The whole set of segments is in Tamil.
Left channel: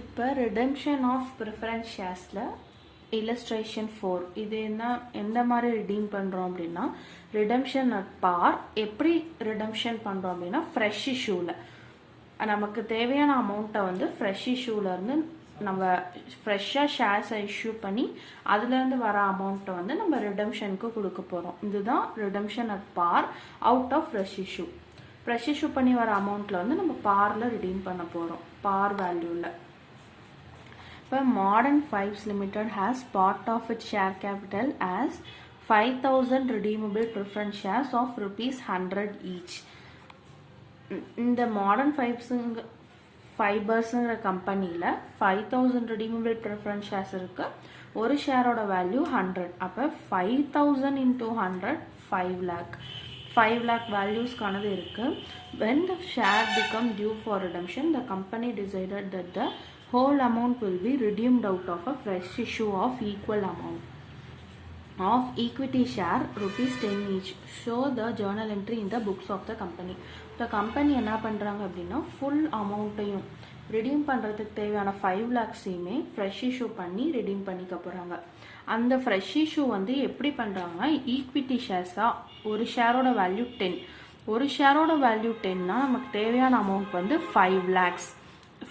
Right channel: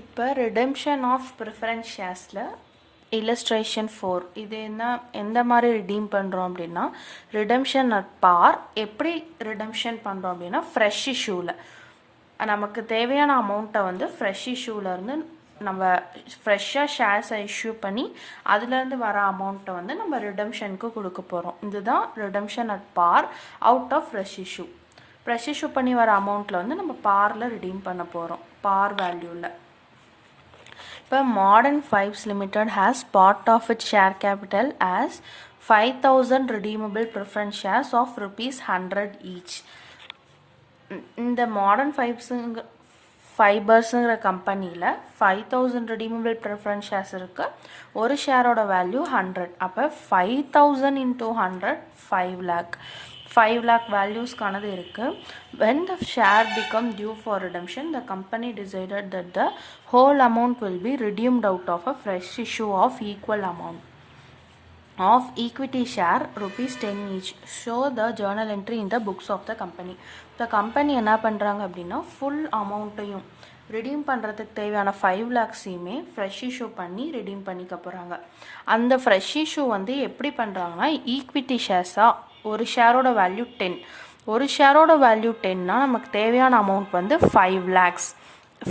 இப்போ ரிடெம்ஷன் ஆஃப் ப்ரிஃபரன்ஸ் ஷேர்ஸில் illustration 4 இது என்ன எந்த மாதிரி ரிடீம் பண்ணுறோம் அப்படின்னா ரிடெம்ஷன் அட் பார் எப்படி ரிடெம்ஷன் பண்ணுறோம் அப்படின்னா ஃப்ரெஷ் இஷ்யூவில் நமக்கு தேவையான அமௌண்ட்டை வந்து ஃப்ரெஷ் இஷ்யூலேருந்து நம்ம ஃப்ரெஷ்ஷாக ஷேர்ஸை இஷ்யூ பண்ணி அதுலேருந்து வர அமௌண்ட்டை வந்து நம்ம ரிடெம்ஷனுக்கு கொடுக்க போகிறோம். இதுதான் redemption at par out of fresh issue. Fresh issue பண்ணி வர அமௌண்ட்டில் வந்து நம்ம பாரில் ரிடீம் பண்ண போகிறோம், பார் வேல்யூவில். இப்போ Modern Fibes Limited has part of its share capital as 5,000 redeemable preference shares of ₹100 each. இந்த Modern ஃபைபர்ஸுங்கிற கம்பெனியில் 5,000 redeemable preference shares இருக்குது. ஒரு ஷேரோட வேல்யூ 100. அப்போ 5,000 into 100 5 lakh. 5 lakh வேல்யூஸ்க்கானது இருக்குது. When the share become due for redemption, the company decided that the whole amount will be redeemed out of a fresh issue of equal amount of equity share ₹10 each. Show the journal entry in the books of the company. The company என்ன பண்ணுறாங்க அப்படின்னா ஃபுல் அமௌண்ட்டையும் ரிடீம் பண்ணுறதுக்கு தேவையான 5 lakhஸையுமே ஃப்ரெஷ் இஷ்யூ பண்ணி ரிடீம் பண்ணிக்க போகிறாங்க. அந்த ஃப்ரெஷ் இஷ்யூ வந்து எப்படி பண்ணுறாங்கன்னா ஈக்விட்டி ஷேர்ஸாக ஒரு ஷேரோட வேல்யூ 10. ஒரு ஷேரோட வேல்யூ 10னா நமக்கு தேவையான அமௌண்ட் வந்து 5 lakhs.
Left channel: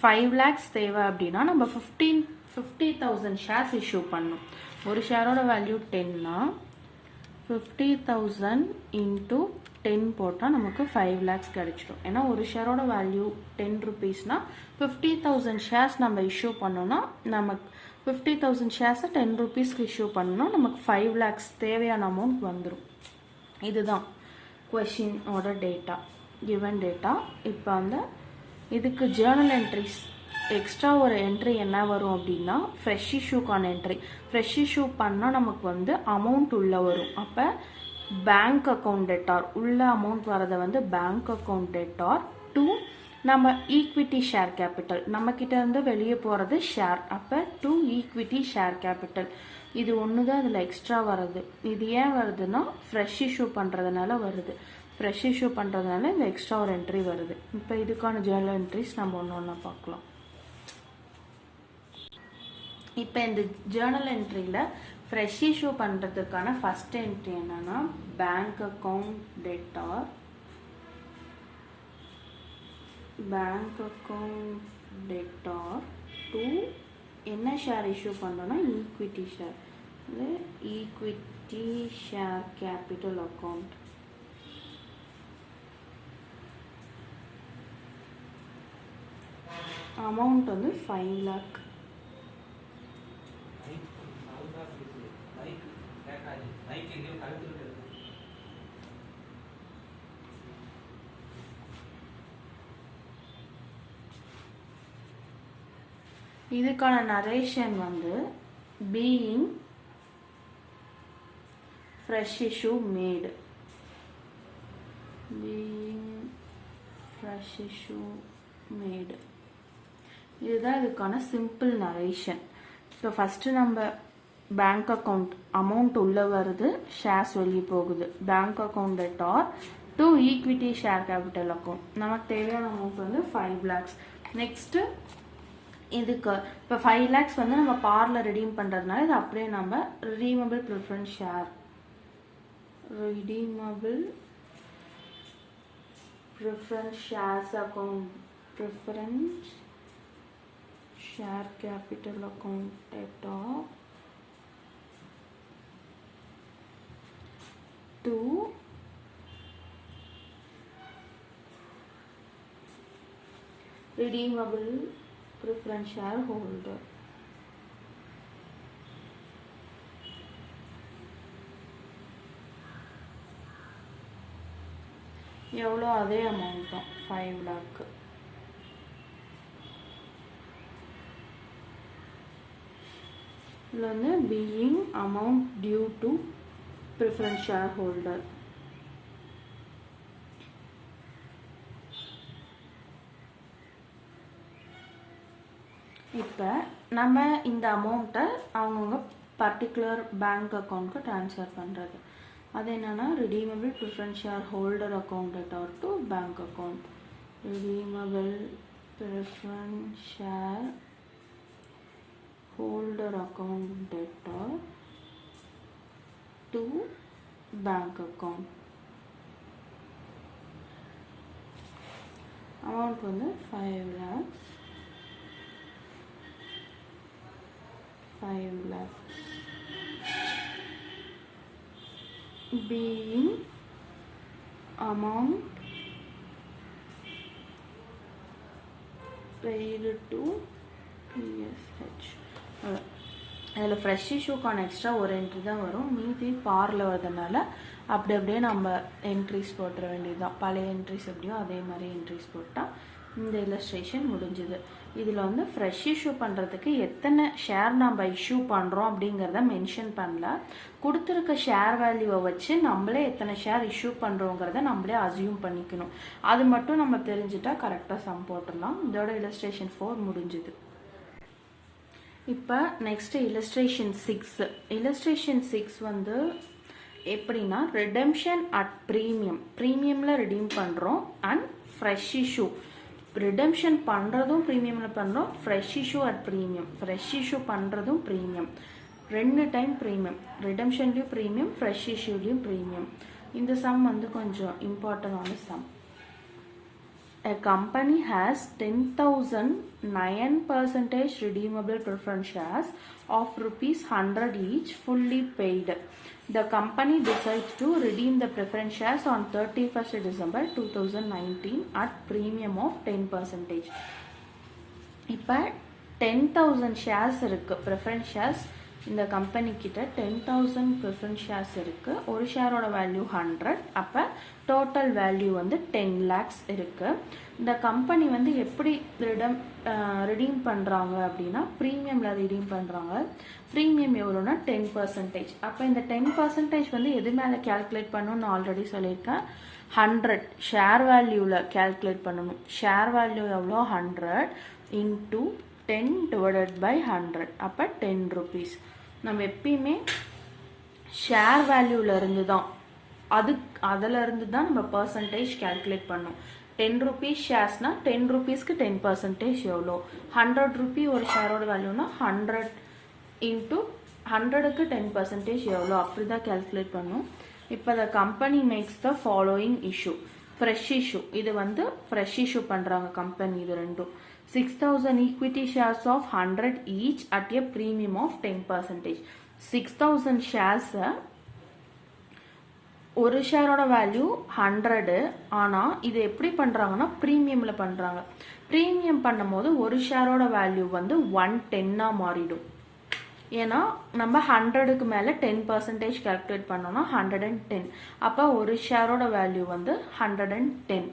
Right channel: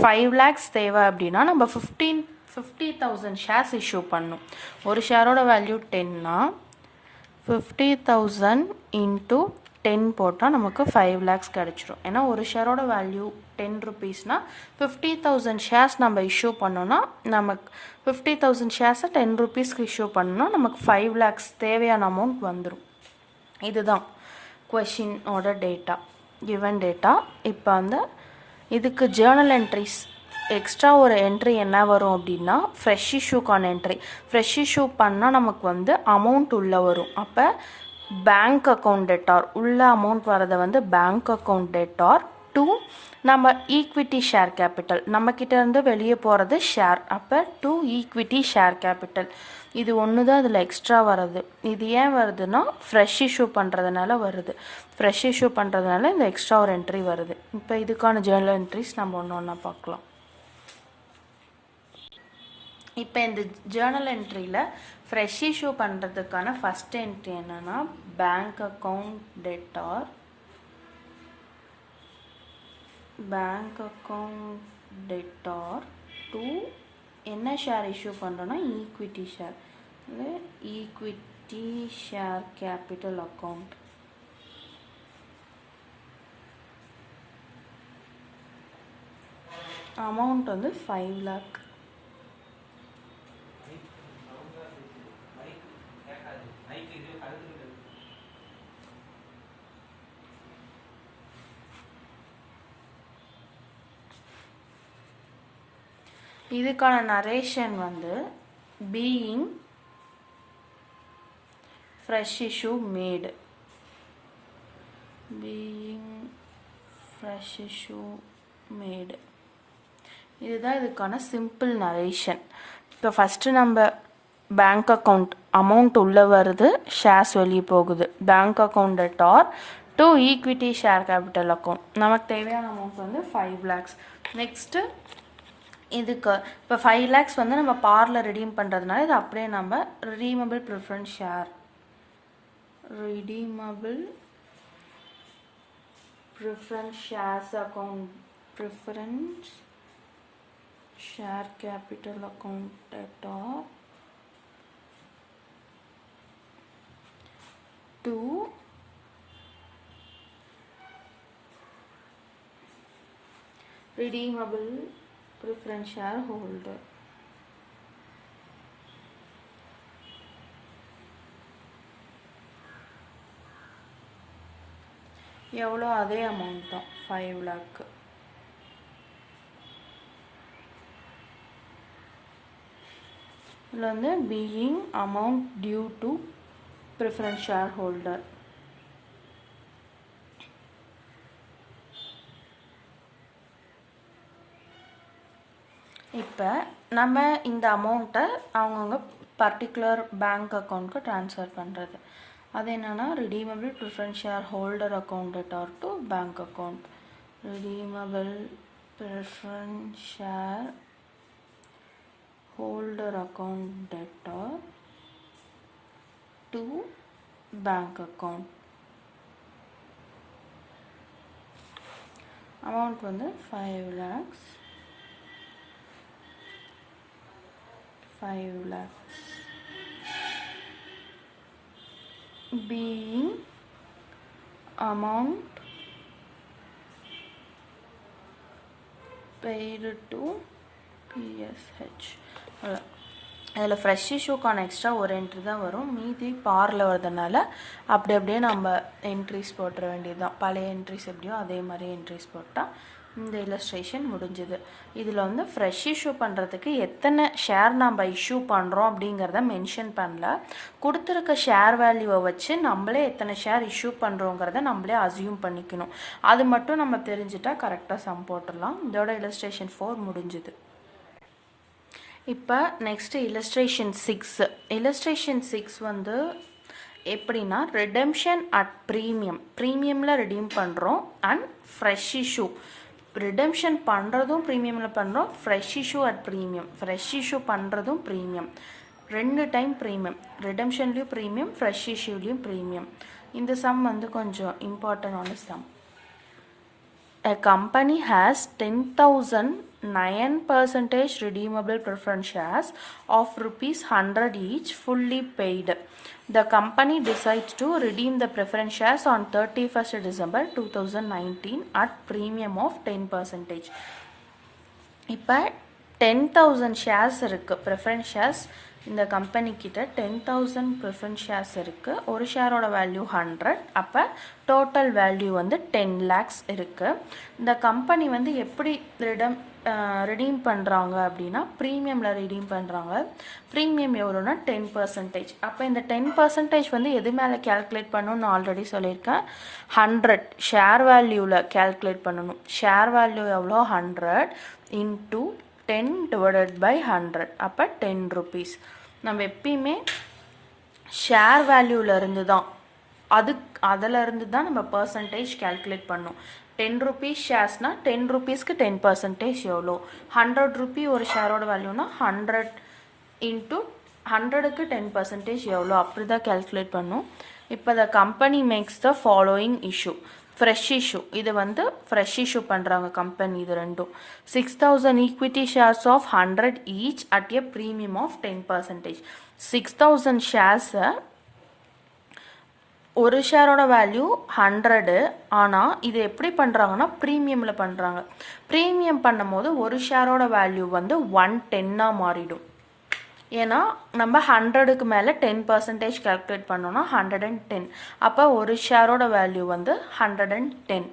5 lakhs தேவை அப்படின்னா நம்ம 50,000 ஷேர்ஸ் இஷ்யூ பண்ணணும். ஒரு ஷேரோட வேல்யூ 10னா 50,000 இன்ட்டு 10 போட்டால் நமக்கு 5 lakhs கிடச்சிரும். ஏன்னா ஒரு ஷேரோட வேல்யூ 10 rupeesனா 50,000 ஷேர்ஸ் நம்ம இஷ்யூ பண்ணோன்னா நமக்கு 50,000 ஷேர்ஸை 10 rupeesக்கு இஷ்யூ பண்ணோன்னா நமக்கு 5 lakhs தேவையான அமௌண்ட் வந்துடும். இதுதான் கொஷினோட டேட்டா, கிவன் டேட்டா. இப்போ வந்து இதுக்கு ஜேர்னல் என்ட்ரிஸ் எக்ஸ்ட்ரா ஒரு என்ட்ரி என்ன வரும் அப்படின்னா ஃப்ரெஷ் இஷ்யூக்கான என்ட்ரி. ஃப்ரெஷ் இஷ்யூ பண்ணால் நமக்கு வந்து அமௌண்ட் உள்ளே வரும். அப்போ பேங்க் அக்கௌண்ட் டெட்டார் உள்ள அமௌண்ட் வரதை வந்து பேங்க் அக்கௌண்ட் டெட்டார் டு நம்ம ஈக்விட்டி ஷேர் கேபிட்டல், நம்மக்கிட்ட இருந்து வெளியே போகிறது ஷேர். அப்போ டு ஈக்விட்டி ஷேர் கேபிட்டல். இது ஒன்று தான் இதில் எக்ஸ்ட்ரா வருது. இது ஏன் வருதுன்னா ஃப்ரெஷ் இஷ்யூ பண்ணுறதுனால வருது. ஃப்ரெஷ் இஷ்யூ பண்ணுறதுனால இந்த எக்ஸ்ட்ரா ஒரு என்ட்ரி வருது. இப்போ இதுக்கான ஜேர்னல் என்ட்ரிஸ் நம்ம ஒன்று ஒன்றா பார்க்கலாம். இப்போ இந்த ஜேர்னல் என்ட்ரியில் ஃப்ரெஷ் இஷ்யூ பண்ணுறதுக்கான ஃபஸ்ட் என்ட்ரி என்னென்னா bank account debtor, bank account debtor to என்ன ஷேர் இஷ்யூ பண்ணுறோன்னா equity share, equity share capital account. Amount வந்து 5 lakh. இதுக்கான நரேஷன் வந்து பீயிங் ஃப்ரெஷ் இஷ்யூ மேடு, பீயிங் ஃப்ரெஷ் இஷ்யூ மேடு. இதுதான் இதுக்கான சிம்பிள் நரேஷன். இப்போ ஃபஸ்ட்டு நம்ம பேங்க் அக்கௌண்ட் அமௌண்ட் உள்ளே வருது, ஷேர்ஸ் வெளியே போகுது. Bank account debtor to equity share capital account. நமக்கு தேவையான அமௌண்ட் வந்து 5 lakhs. நெக்ஸ்ட்டு இதுக்கு இப்போ 5 lakhs வந்து நம்ம பாரில் ரிடீம் பண்ணுறதுனால இது அப்படியே நம்ம redeemable preference share, redeemable preference shares account, preference share capital account debtor to redeemable preference shareholder. எவ்வளோ அதே அமௌண்ட் தான் 5 lakh. இதில் வந்து being amount due to preference share holder. இப்போ நம்ம இந்த அமௌண்ட்டை அவங்கவுங்க பர்டிகுலர் பேங்க் அக்கௌண்ட்க்கு ட்ரான்ஸ்ஃபர் பண்ணுறது. அது என்னென்னா redeemable preference share holder account debtor to bank account, redeemable preference share holder account debtor to bank account. Amount வந்து 5 lakhs. 5 lakhs being amount paid to PSH. அதில் ஃப்ரெஷ் இஷ்யூக்கான எக்ஸ்ட்ரா ஒரு என்ட்ரி தான் வரும், மீதி பாரில் வரதுனால அப்படியே நம்ம என்ட்ரிஸ் போட்டுற வேண்டியது தான். பழைய என்ட்ரிஸ் எப்படியோ அதே மாதிரி என்ட்ரிஸ் போட்டால் இந்த இல்லஸ்ட்ரேஷன் முடிஞ்சுது. இதில் வந்து ஃப்ரெஷ் இஷ்யூ பண்ணுறதுக்கு எத்தனை ஷேர் நம்ம இஷ்யூ பண்ணுறோம் அப்படிங்கிறத மென்ஷன் பண்ணல. கொடுத்துருக்க ஷேர் வேல்யூவை வச்சு நம்மளே எத்தனை ஷேர் இஷ்யூ பண்ணுறோங்கிறத நம்மளே அசியூம் பண்ணிக்கணும். அது மட்டும் நம்ம தெரிஞ்சுட்டா கரெக்டாக சம் போட்டுடலாம். இதோட இல்லஸ்ட்ரேஷன் 4 முடிஞ்சுது. இப்போ நெக்ஸ்ட்டு இல்லஸ்ட்ரேஷன் 6. இல்லஸ்ட்ரேஷன் 6 வந்து எப்படின்னா ரிடெம்ஷன் அட் ப்ரீமியமில் ரிடீம் பண்ணுறோம் அண்ட் ஃப்ரெஷ் இஷ்யூ. ரிடெம்ஷன் பண்ணுறதும் ப்ரீமியமில் பண்ணுறோம், fresh issue at premium. Fresh issue பண்ணுறதும் ப்ரீமியம், 2 டைம் ப்ரீமியம். ரிடெம்ஷன்லேயும் ப்ரீமியம், ஃப்ரெஷ் இஷ்யூலேயும் ப்ரீமியம். இந்த சம் வந்து கொஞ்சம் இம்பார்ட்டண்டான sum. A company has 10,009% redeemable preference shares of ₹100 each fully paid. The company decides to redeem the preference shares on 31st December 2019 at premium of 10%. இப்போ 10,000 shares இருக்குது preference shares. இந்த கம்பெனி கிட்ட 10,000 ப்ரிஃபரன்ஸ் ஷேர்ஸ் இருக்குது. ஒரு ஷேரோட வேல்யூ 100. அப்போ டோட்டல் வேல்யூ வந்து 10 lakhs இருக்குது. இந்த கம்பெனி வந்து எப்படி ரிடீம் பண்ணுறாங்க அப்படின்னா ப்ரீமியமில் ரிடீம் பண்ணுறாங்க. ப்ரீமியம் எவ்வளோனா 10%. அப்போ இந்த 10% வந்து எது மேலே கேல்குலேட் பண்ணணும்னு ஆல்ரெடி சொல்லியிருக்கேன். 100 ஷேர் வேல்யூவில் கேல்குலேட் பண்ணணும். ஷேர் வேல்யூ எவ்வளோ 100 இன்ட்டு 10 divided by 100. அப்போ 10 rupees. நம்ம எப்பயுமே ஷேர் வேல்யூவிலேருந்து தான் அதிலிருந்து தான் நம்ம பர்சன்டேஜ் கேல்குலேட் பண்ணோம். 10 rupees ஷேர்ஸ்னால் 10 rupeesக்கு 10% எவ்வளோ, 100 rupee ஒரு ஷேரோட வேல்யூனா 100 இன்ட்டு 100க்கு 10% எவ்வளோ, அப்படி தான் கேல்குலேட் பண்ணோம். இப்போ the company makes the following issue. Fresh issue, இது வந்து ஃப்ரெஷ் இஷ்யூ பண்ணுறாங்க கம்பெனி. இது ரெண்டும் 6,000 equity shares of 100 each at a premium of 10%. 6,000 ஷேர்ஸை ஒரு ஷேரோட வேல்யூ 100. ஆனால் இது எப்படி பண்ணுறாங்கன்னா ப்ரீமியமில் பண்ணுறாங்க. ப்ரீமியம் பண்ணும் போது ஒரு ஷேரோட வேல்யூ வந்து 110 மாறிடும். ஏன்னா நம்ம 100க்கு மேலே 10% கால்குலேட் பண்ணோன்னா 110. அப்போ ஒரு ஷேரோட வேல்யூ வந்து 110.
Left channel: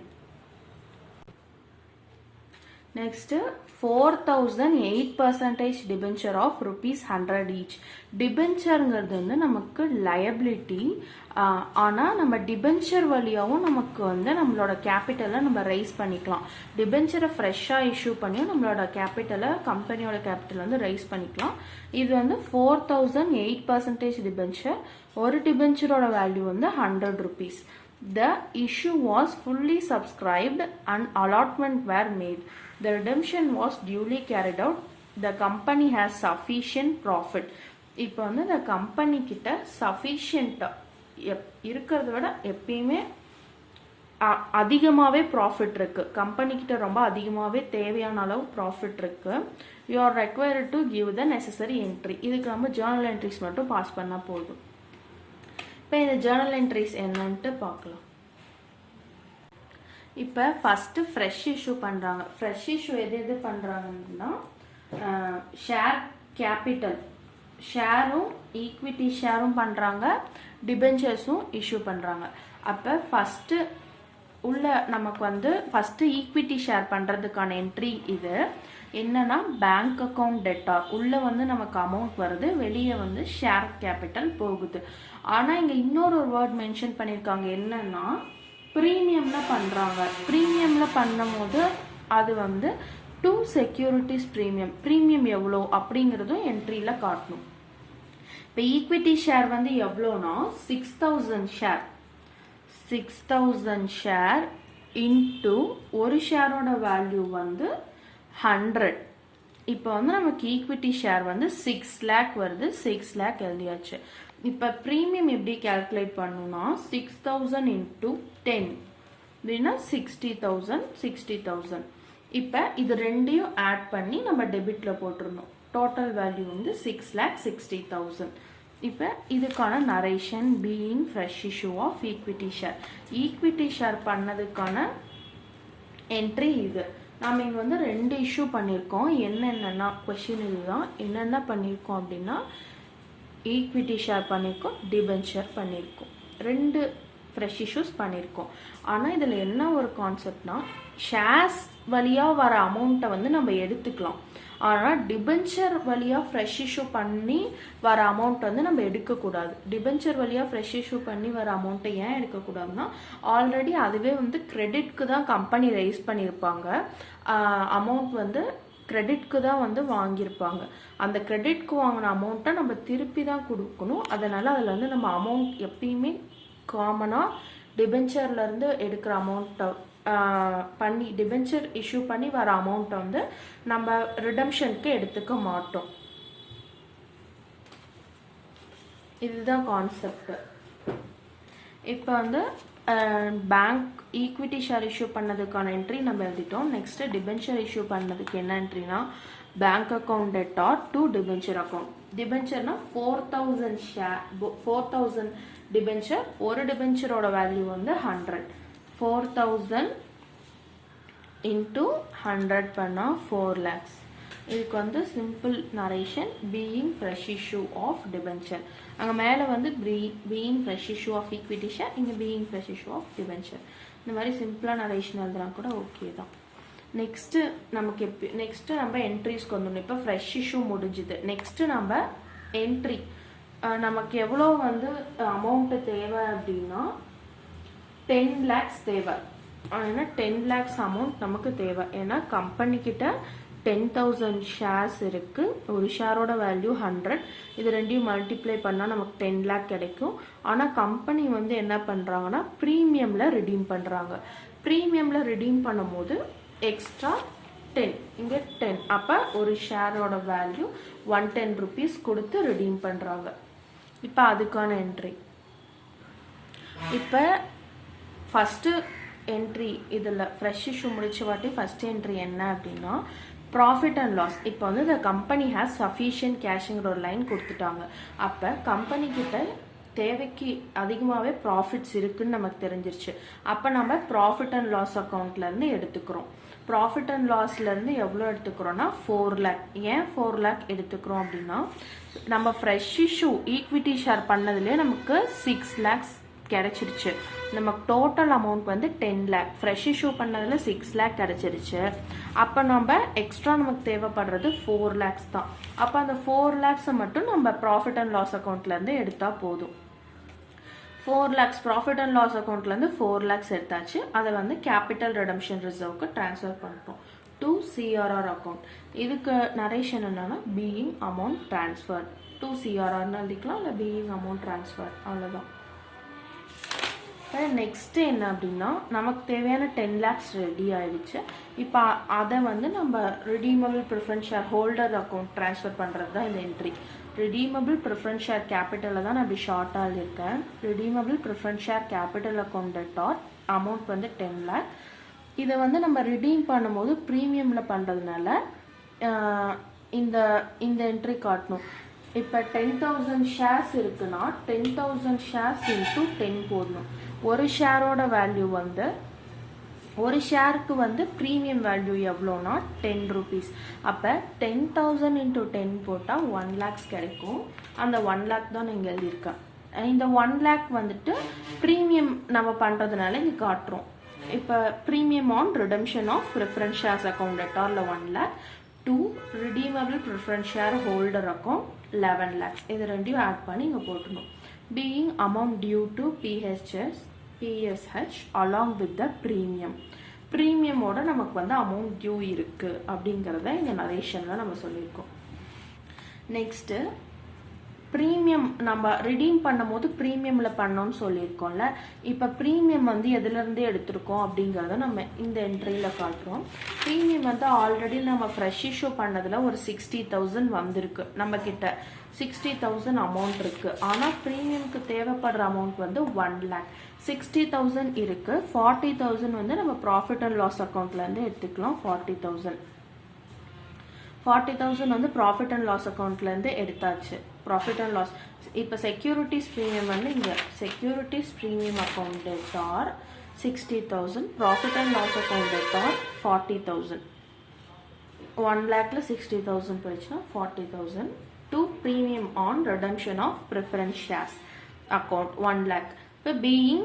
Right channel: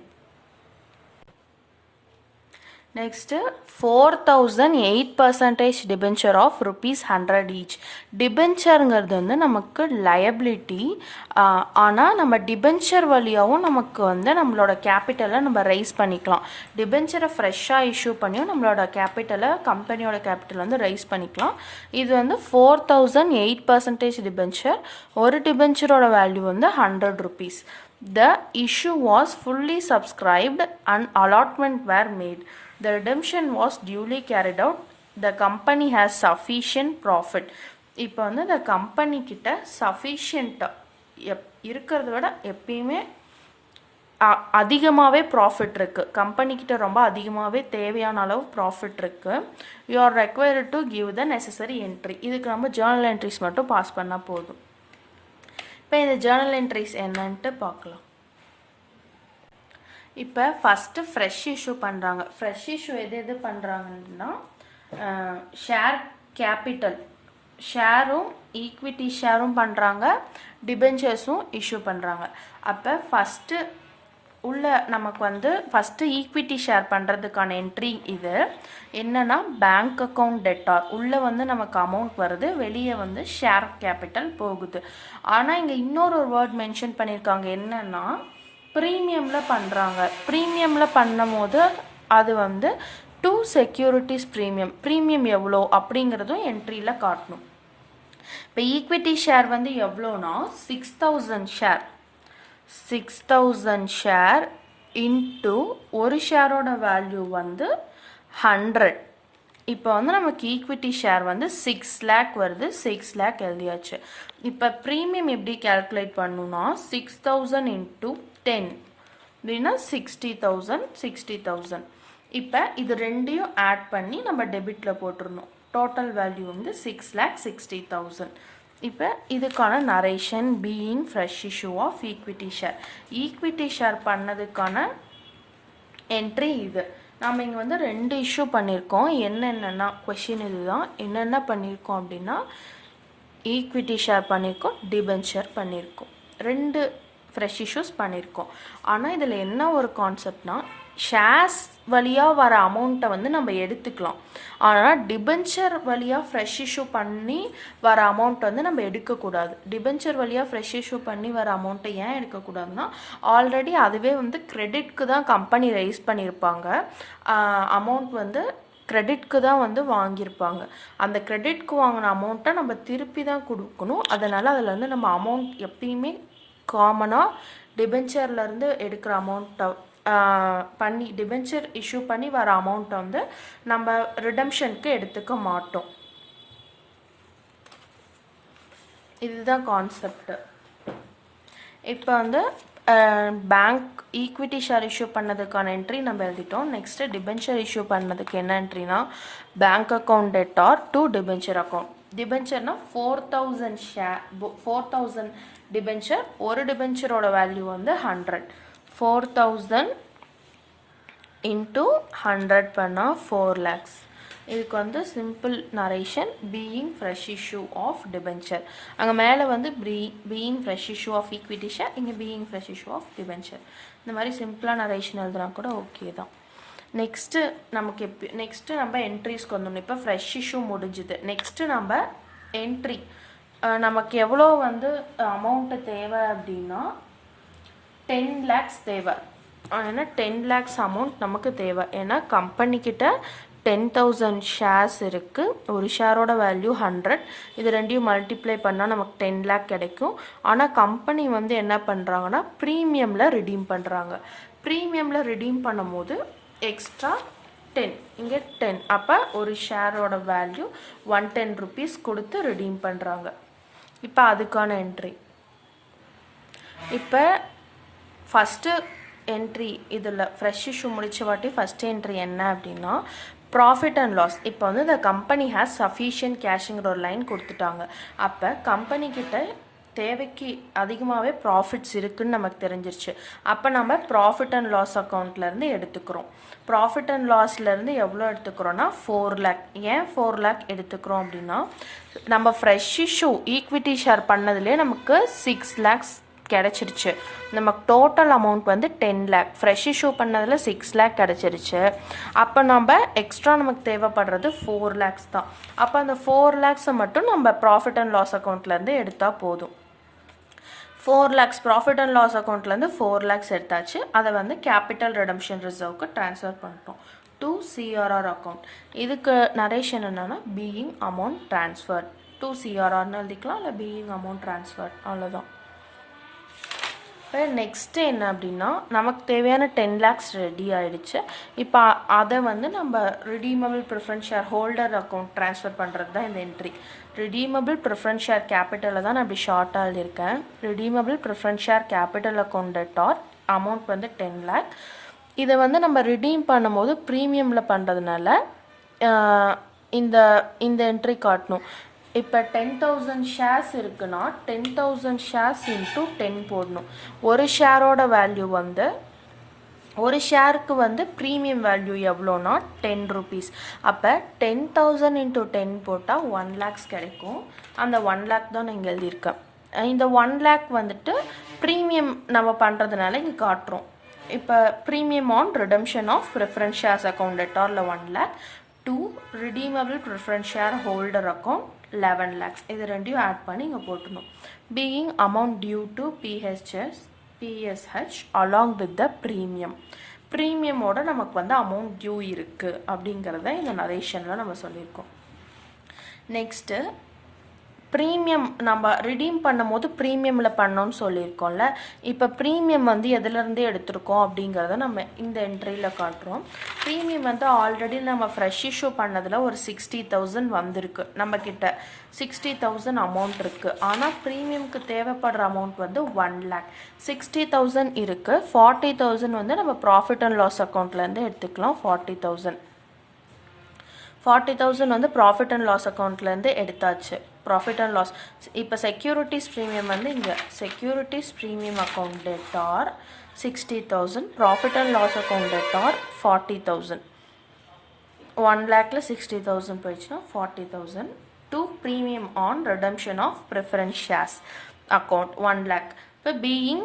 Next 4,008% debenture of ₹100 each. டிபென்ச்சருங்கிறது வந்து நமக்கு லயபிலிட்டி. ஆனால் நம்ம டிபென்ச்சர் வழியாகவும் நமக்கு வந்து நம்மளோட கேபிட்டலை நம்ம ரைஸ் பண்ணிக்கலாம். டிபென்ச்சரை ஃப்ரெஷ்ஷாக இஷ்யூ பண்ணியும் நம்மளோட கேபிட்டலை கம்பெனியோட கேபிட்டல் வந்து ரைஸ் பண்ணிக்கலாம். இது வந்து 4,008% டிபென்ச்சர். ஒரு டிபென்ச்சரோட வேல்யூ வந்து 100 rupees. The issue was fully subscribed and allotment were made. The redemption was duly carried out. The company has sufficient profit. இப்போ வந்து இந்த கம்பெனி கிட்ட சஃபிஷியண்ட்டாக இருக்கிறத விட எப்பயுமே அதிகமாகவே ப்ராஃபிட் இருக்குது. கம்பெனிக்கிட்ட ரொம்ப அதிகமாகவே தேவையான அளவு ப்ராஃபிட் இருக்குது. You are required to give the necessary entry. இதுக்கு நம்ம ஜேர்னல் என்ட்ரிஸ் மட்டும் பாஸ் பண்ணால் போதும். இப்போ இந்த ஜேர்னல் என்ட்ரிஸ் என்னன்ட்டு பார்க்கலாம். இப்போ ஃபஸ்ட்டு ஃப்ரெஷ் இஷ்யூ பண்ணுறாங்க. ஃப்ரெஷ் இஷ்யூ எது பண்ணுறாங்கன்னா ஷேர் கேபிட்டல் ஷேரும் ஈக்விட்டி ஷேரும் பண்ணுறாங்க, டிபென்ச்சர்ஸும் இஷ்யூ பண்ணுறாங்க. அப்போ ஃபஸ்ட்டு உள்ள நமக்கு வந்து ஃபஸ்ட்டு ஈக்விட்டி ஷேர் பண்ணுறதுக்கான என்ட்ரி இது என்னன்னா பேங்க் அக்கௌண்ட் டெட்டார். உள்ளே வந்து நமக்கு அமௌண்ட் வருது, வெளியே வந்து ஷேர் கேபிட்டல் போகுது. ஆனால் இங்கே இன்னொரு வேர்ட் மென்ஷன் பண்ணியிருக்காங்க, என்னன்னா ப்ரீமியமில் பண்ணுறாங்க. ப்ரீமியமில் பண்ணும் போது அது வந்து 2 செக்யூரிட்டிஸ் ப்ரீமியம் எவ்வளோ அப்படிங்கிறதும் என்ட்ரியில் காட்டணும். இப்போ ஈக்விட்டி ஷேர் வந்து எவ்வளோனா 6,000 ஷேர் இன்ட்டு ஒரு ஷேரோட வேல்யூ வந்து 100. இப்போ வந்து நமக்கு ஈக்விட்டி ஷேர் வந்து 6 lakh வருது, 6 lakh எழுதியாச்சு. இப்போ ப்ரீமியம் எப்படி கேல்குலேட் பண்ணணும்னா 6000 into 10 அப்படின்னா 60,000. இப்போ இது ரெண்டையும் ஆட் பண்ணி நம்ம டெபிட்டில் போட்டுருணும். டோட்டல் வேல்யூ வந்து 6,60,000. இப்போ இதுக்கான narration being fresh issue of equity share. Equity share பண்ணதுக்கான என்ட்ரி இது. நாம் இங்கே வந்து 2 இஷ்யூ பண்ணியிருக்கோம். என்னென்னா கொஷின் இதுதான், என்னென்ன பண்ணியிருக்கோம் அப்படின்னா ஈக்விட்டி ஷேர் பண்ணியிருக்கோம், டிபென்ச்சர் பண்ணியிருக்கோம், 2 ஃப்ரெஷ் இஷ்யூஸ் பண்ணியிருக்கோம். ஆனால் இதில் என்ன ஒரு கான்செப்ட்னா ஷேர்ஸ் வழியாக வர அமௌண்ட்டை வந்து நம்ம எடுத்துக்கலாம். ஆனால் டிபென்ச்சர் வழியாக ஃப்ரெஷ் இஷ்யூ பண்ணி வர அமௌண்ட் வந்து நம்ம எடுக்கக்கூடாது. டிபென்ச்சர் வழியாக ஃப்ரெஷ் இஷ்யூ பண்ணி வர அமௌண்ட்டை ஏன் எடுக்கக்கூடாதுன்னா ஆல்ரெடி அதுவே வந்து கிரெடிட்க்கு தான் கம்பெனி ரைஸ் பண்ணியிருப்பாங்க. அமௌண்ட் வந்து கிரெடிட்க்கு தான் வந்து வாங்கியிருப்பாங்க. அந்த கிரெடிட்க்கு வாங்கின அமௌண்ட்டை நம்ம திருப்பி தான் கொடுக்கணும். அதனால் அதில் வந்து நம்ம அமௌண்ட் எப்பயுமே காமனாக டிபென்ச்சர்லேருந்து எடுக்கிற அமௌண்ட்டை பண்ணி டிபென்ச்சர் இஷ்யூ பண்ணி வர அமௌண்ட்டை வந்து நம்ம ரிடம்ஷனுக்கு எடுத்துக்க மாட்டோம். இதுதான் கான்செப்ட். இப்போ வந்து பேங்க் ஈக்விட்டி ஷேர் இஷ்யூ பண்ணதுக்கான என்ட்ரி நம்ம எழுதிட்டோம். நெக்ஸ்ட்டு டிபென்ச்சர் இஷ்யூ பண்ணதுக்கு என்ன என்ட்ரினா bank account debtor to debenture account. டிபென்ச்சர்னா 4,000 ஷேர் 4,000 டிபென்ச்சர். ஒரு டிபென்ச்சரோட வேல்யூ வந்து 100. 4,000 into 100 பண்ணால் 4 lakhs. இதுக்கு வந்து simple narration being fresh issue of debenture. அங்கே மேலே வந்து being fresh issue of equity share, இங்கே being fresh issue of debenture. இந்த மாதிரி சிம்பிளாக நரேஷன் எழுதுனா கூட ஓகே தான். நெக்ஸ்ட்டு நம்ம என்ட்ரிஸ்க்கு வந்துடணும். இப்போ ஃப்ரெஷ் இஷ்யூ முடிஞ்சுது. நெக்ஸ்ட்டு நம்ம என்ட்ரி நமக்கு எவ்வளோ வந்து அமௌண்ட்டு தேவை அப்படின்னா 10 lakhs தேவை. ஏன்னா 10 lakhs அமௌண்ட் நமக்கு தேவை. ஏன்னா கம்பெனிக்கிட்ட 10,000 ஷேர்ஸ் இருக்குது. ஒரு ஷேரோட வேல்யூ 100. இது ரெண்டையும் மல்டிப்ளை பண்ணால் நமக்கு 10 lakh கிடைக்கும். ஆனால் கம்பெனி வந்து என்ன பண்ணுறாங்கன்னா ப்ரீமியமில் ரிடீம் பண்ணுறாங்க. ப்ரீமியமில் ரிடீம் பண்ணும்போது எக்ஸ்ட்ரா 10, இங்கே 10. அப்போ ஒரு ஷேரோட வேல்யூ 110 rupees கொடுத்து ரிடீம் பண்ணுறாங்க. இப்போ அதுக்கான என்ட்ரி. இப்போ ஃபஸ்ட்டு என்ட்ரி இதில் ஃப்ரெஷ் இஷ்யூ முடிச்ச வாட்டி ஃபஸ்ட் என்ட்ரி என்ன அப்படின்னா ப்ராஃபிட் அண்ட் லாஸ். இப்போ வந்து இந்த கம்பெனி ஹேஸ் சஃபிஷியன்ட் கேஷுங்கிற ஒரு லைன் கொடுத்துட்டாங்க. அப்போ கம்பெனிக்கிட்ட தேவைக்கு அதிகமாகவே ப்ராஃபிட்ஸ் இருக்குதுன்னு நமக்கு தெரிஞ்சிருச்சு. அப்போ நம்ம ப்ராஃபிட் அண்ட் லாஸ் அக்கௌண்ட்லேருந்து எடுத்துக்கிறோம். ப்ராஃபிட் அண்ட் லாஸ்லேருந்து எவ்வளோ எடுத்துக்கிறோன்னா 4 lakh. ஏன் 4 lakh எடுத்துக்கிறோம் அப்படின்னா நம்ம ஃப்ரெஷ் இஷ்யூ ஈக்விட்டி ஷேர் பண்ணதுலேயே நமக்கு 6 lakhs கிடச்சிருச்சு. நமக்கு டோட்டல் அமௌண்ட் வந்து 10 lakh. ஃப்ரெஷ் இஷ்யூ பண்ணதில் 6 lakh கிடச்சிருச்சு. அப்போ நம்ம எக்ஸ்ட்ரா நமக்கு தேவைப்படுறது 4 lakhs தான். அப்போ அந்த 4 lakhs மட்டும் நம்ம ப்ராஃபிட் அண்ட் லாஸ் அக்கௌண்ட்லேருந்து எடுத்தால் போதும். 4 lakhs ப்ராஃபிட் அண்ட் லாஸ் அக்கௌண்ட்லேருந்து 4 lakhs எடுத்தாச்சு. அதை வந்து கேபிட்டல் ரிடம்ஷன் ரிசர்வ்க்கு ட்ரான்ஸ்ஃபர் பண்ணிட்டோம் டு சிஆர்ஆர் அக்கௌண்ட். இதுக்கு நரேஷன் என்னென்னா பீயிங் அமௌண்ட் ட்ரான்ஸ்ஃபர் டு சிஆர்ஆர்னு எழுதிக்கலாம், இல்லை பீயிங் அமௌண்ட் ட்ரான்ஸ்ஃபர், அவ்வளோதான். இப்போ நெக்ஸ்ட்டு என்ன அப்படின்னா நமக்கு தேவையான 10 lakhs ரெடி ஆகிடுச்சு. இப்போ அதை வந்து நம்ம redeemable preference share holder account transfer பண்ணுறது தான் இந்த என்ட்ரி. ரிடீமபிள் ப்ரிஃபரன்ஸ் ஷேர் கேபிட்டலில் தான் நான் அப்படி ஷார்ட்டாக எழுதியிருக்கேன். Redeemable preference share capital account debtor amount வந்து 10 lakh. இதை வந்து நம்ம ரிடீம் பண்ணும்போது ப்ரீமியமில் பண்ணுறதுனால இந்த என்ட்ரி காட்டணும். இப்போ 10,000 ஷேர்ஸ் இருக்குன்னா 10,000 ஷேர்ஸ் இன்ட்டு 10 போடணும். ஒரு ஷேரோட வேல்யூ வந்து ஒரு ஷேருக்கு வந்து ப்ரீமியம் வேல்யூ எவ்வளோனா 10 rupees. அப்போ 10,000 into 10 போட்டால் 1 lakhs கிடைக்கும். அந்த 1 lakh தான் நான் இங்கே எழுதியிருக்கேன். இந்த 1 lakh வந்துட்டு ப்ரீமியம் நம்ம பண்ணுறதுனால இங்கே காட்டுறோம். இப்போ premium on redemption of preference shares account டெட்டாரில் 1 lakh. 2 redeemable preference share holder account 11 lakhs. இது ரெண்டையும் ஆட் பண்ணி இங்கே போட்டணும். Being amount due to PSH along with the premium. ப்ரீமியமோட நமக்கு வந்து அமௌண்ட் டியூ இருக்குது அப்படிங்கிறத இந்த நரேஷனில் நம்ம சொல்லியிருக்கோம். நெக்ஸ்ட்டு ப்ரீமியம் நம்ம ரிடீம் பண்ணும்போது ப்ரீமியமில் பண்ணோன்னு சொல்லியிருக்கோம்ல. இப்போ ப்ரீமியம் வந்து எதுலேருந்து எடுத்திருக்கோம் அப்படிங்கிறத நம்ம இந்த என்ட்ரியில் காட்டுறோம். ப்ரீமியம் வந்து ஆல்ரெடி நம்ம ஃப்ரெஷ் இஷ்யூ பண்ணதில் ஒரு 60,000 வந்திருக்கு. நம்மக்கிட்ட 60,000 அமௌண்ட் இருக்குது. ஆனால் ப்ரீமியம்க்கு தேவைப்படுற அமௌண்ட் வந்து 1 lakh. 60,000 இருக்குது. 40,000 வந்து நம்ம ப்ராஃபிட் அண்ட் லாஸ் அக்கௌண்ட்லேருந்து எடுத்துக்கலாம். 40,000 வந்து ப்ராஃபிட் அண்ட் லாஸ் அக்கௌண்ட்லேருந்து எடுத்தாச்சு. ப்ராஃபிட் அண்ட் லாஸ் இப்போ செக்யூரிட்டிஸ் ப்ரீமியம் வந்து இங்கே securities premium account debtor 60,000, profit and loss account debtor 40,000. 1 lakhல 60,000 போயிடுச்சுன்னா 40,000 to premium on redemption of preference shares account 1 lakh. இப்போ being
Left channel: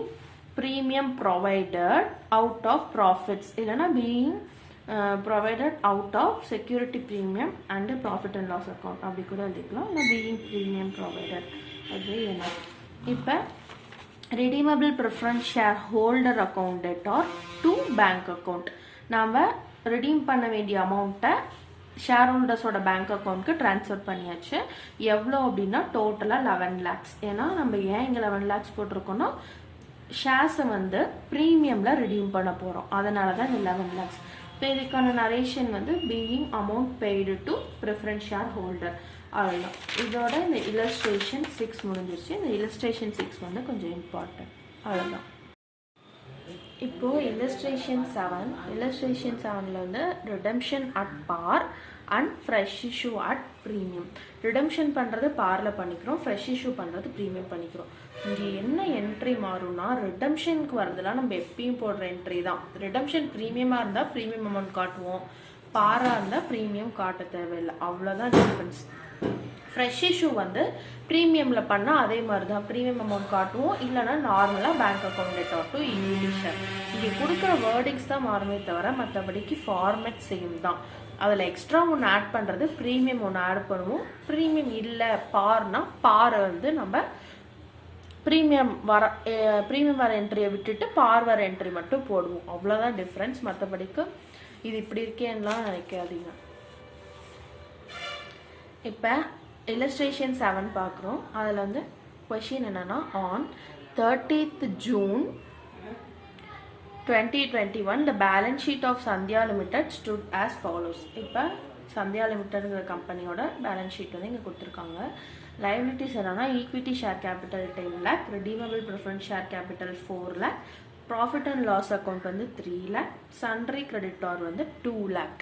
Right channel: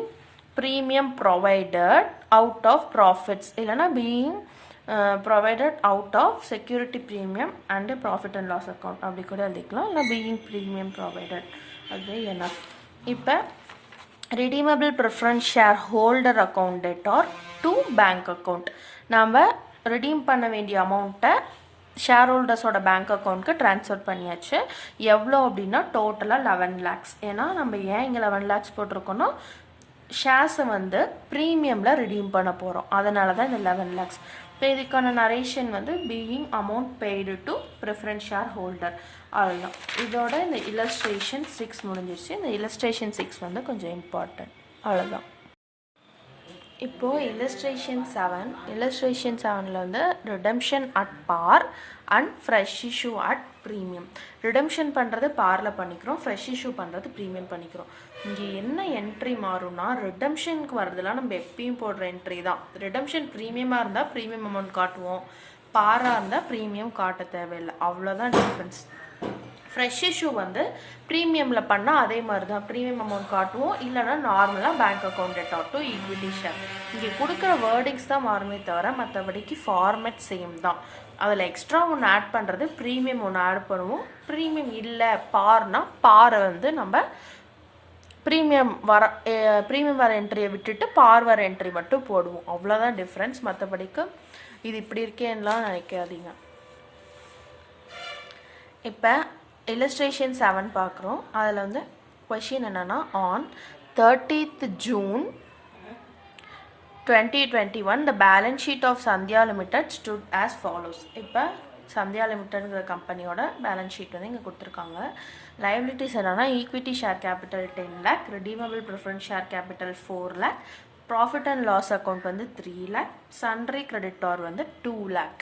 premium provided out of profits இல்லைனா being provided out of security premium and profit and loss account அப்படி கூட எழுதிக்கலாம். இல்லை being premium provided அதுவே enough. இப்போ redeemable preference shareholder account debtor to bank account. நாம் redeem பண்ண வேண்டிய அமௌண்ட்டை ஷேர் ஹோல்டர்ஸோட பேங்க் அக்கௌண்ட்க்கு ட்ரான்ஸ்ஃபர் பண்ணியாச்சு. எவ்வளோ அப்படின்னா டோட்டலாக 11 lakhs. ஏன்னா நம்ம ஏன் இங்கே 11 lakhs போட்டிருக்கோன்னா ஷேர்ஸை வந்து ப்ரீமியமில் ரிடீம் பண்ண போகிறோம். அதனால தான் இந்த 11 lakhs. இப்போ இதுக்கான நரேஷன் வந்து being amount paid to preference share holder. அவ்வளோதான். இதோட இந்த இல்லஸ்ட்ரேஷன் 6 முடிஞ்சிருச்சு. இந்த இல்லஸ்ட்ரேஷன் 6 வந்து கொஞ்சம் இம்பார்ட்டன்ட். அவ்வளோதான். இப்போது இல்லஸ்ட்ரேஷன் 7ல் வந்து redemption at par and fresh issue at premium. Redemption பண்ணுறது பாரில் பண்ணிக்கிறோம், ஃப்ரெஷ் இஷ்யூ பண்ணுறது ப்ரீமியம் பண்ணிக்கிறோம். இங்கே என்ன என்ட்ரி மாறும்னா ரிடம்ஷனுக்கு வரதுலாம் நம்ம எப்பயும் போடுற என்ட்ரி தான். ரிடம்ஷன் ப்ரீமியமாக இருந்தால் ப்ரீமியம் அமௌண்ட் காட்டுவோம், பாராக இருந்தால் ப்ரீமியம் காட்ட தேவையில்லை. அவ்வளோதான் டிஃப்ரென்ஸ். ஃப்ரெஷ் இஷ்யூ வந்து ப்ரீமியமில் பண்ணால் அதே மாதிரி தான் ப்ரீமியம் அமௌண்ட் காட்டுவோம், இல்லைனா நார்மலாக bank account debtor to equity share. இங்கே கொடுக்குற வேர்டிங்ஸ் தான் மாறுமே தவிர மற்றபடிக்கு ஃபார்மேட் சேம் தான். அதில் எக்ஸ்ட்ரா ஒன்று ஆட் பண்ணுறது ப்ரீமியம் ஒன்று ஆட் பண்ணுவோம். ப்ரீமியம் இல்லை பார்னா பாரை வந்து நம்ம ப்ரீமியம் வர என்ட்ரியை விட்டுட்டு பார் வர என்ட்ரி மட்டும் போடுவோம். அவ்வளோதான் டிஃப்ரென்ஸ். மற்றபடிக்கு இது இப்படி இருக்கேன்னுலாம் நினைக்காதீங்க. இப்போ illustration 7 பார்க்குறோம். அதில் வந்து கொஷின் என்னென்னா on 30th June 2021 the balance sheet of Sandhya Limited stood as follows. இப்போ சந்தியா லிமிட்டட்ங்கிற கம்பெனியோட பேலன்ஸ் ஷீட் வந்து இங்கே கொடுத்துருக்காங்க. லைபிலிட்டிஸ் என்னன்னா equity share capital 10 lakh, redeemable preference share capital 4 lakh, profit and loss account வந்து 3 lakh, சன்ட்ரி கிரெடிட்டார் வந்து 2 lakh.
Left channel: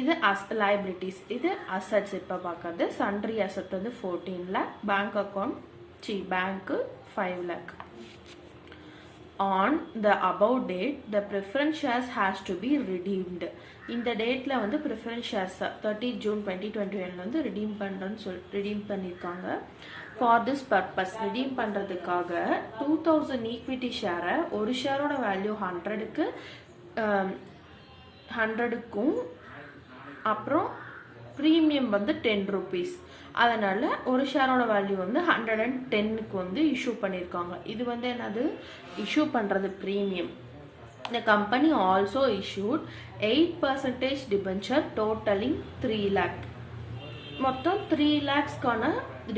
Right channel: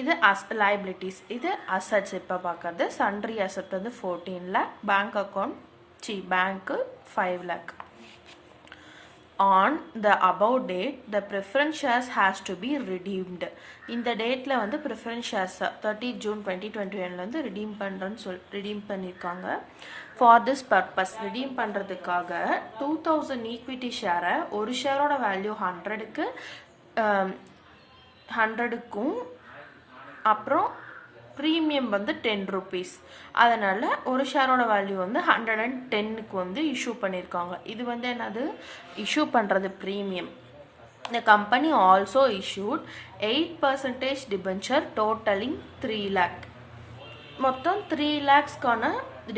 இது லைபிலிட்டிஸ். இது அசட்ஸ். இப்போ பார்க்கறது சன்ட்ரி அசட் வந்து 14 lakh, bank account bank 5 lakh. On the above date the preference shares has to be redeemed. இந்த டேட்டில் வந்து ப்ரிஃபரன்ஸ் ஷேர்ஸ் 30 June 2021 வந்து ரிடீம் பண்ணுறேன்னு ரிடீம் பண்ணியிருக்காங்க. ஃபார் திஸ் பர்பஸ் ரிடீம் பண்ணுறதுக்காக 2000 ஈக்விட்டி ஷேரை ஒரு ஷேரோட வேல்யூ 100க்கும் அப்புறம் ப்ரீமியம் வந்து 10 rupees. அதனால் ஒரு ஷேரோட வேல்யூ வந்து 110க்கு வந்து இஷ்யூ பண்ணியிருக்காங்க. இது வந்து என்னது இஷ்யூ பண்ணுறது premium. The company also issued 8% debenture totalling 3 lakh. மொத்தம் 3 lakhsக்கான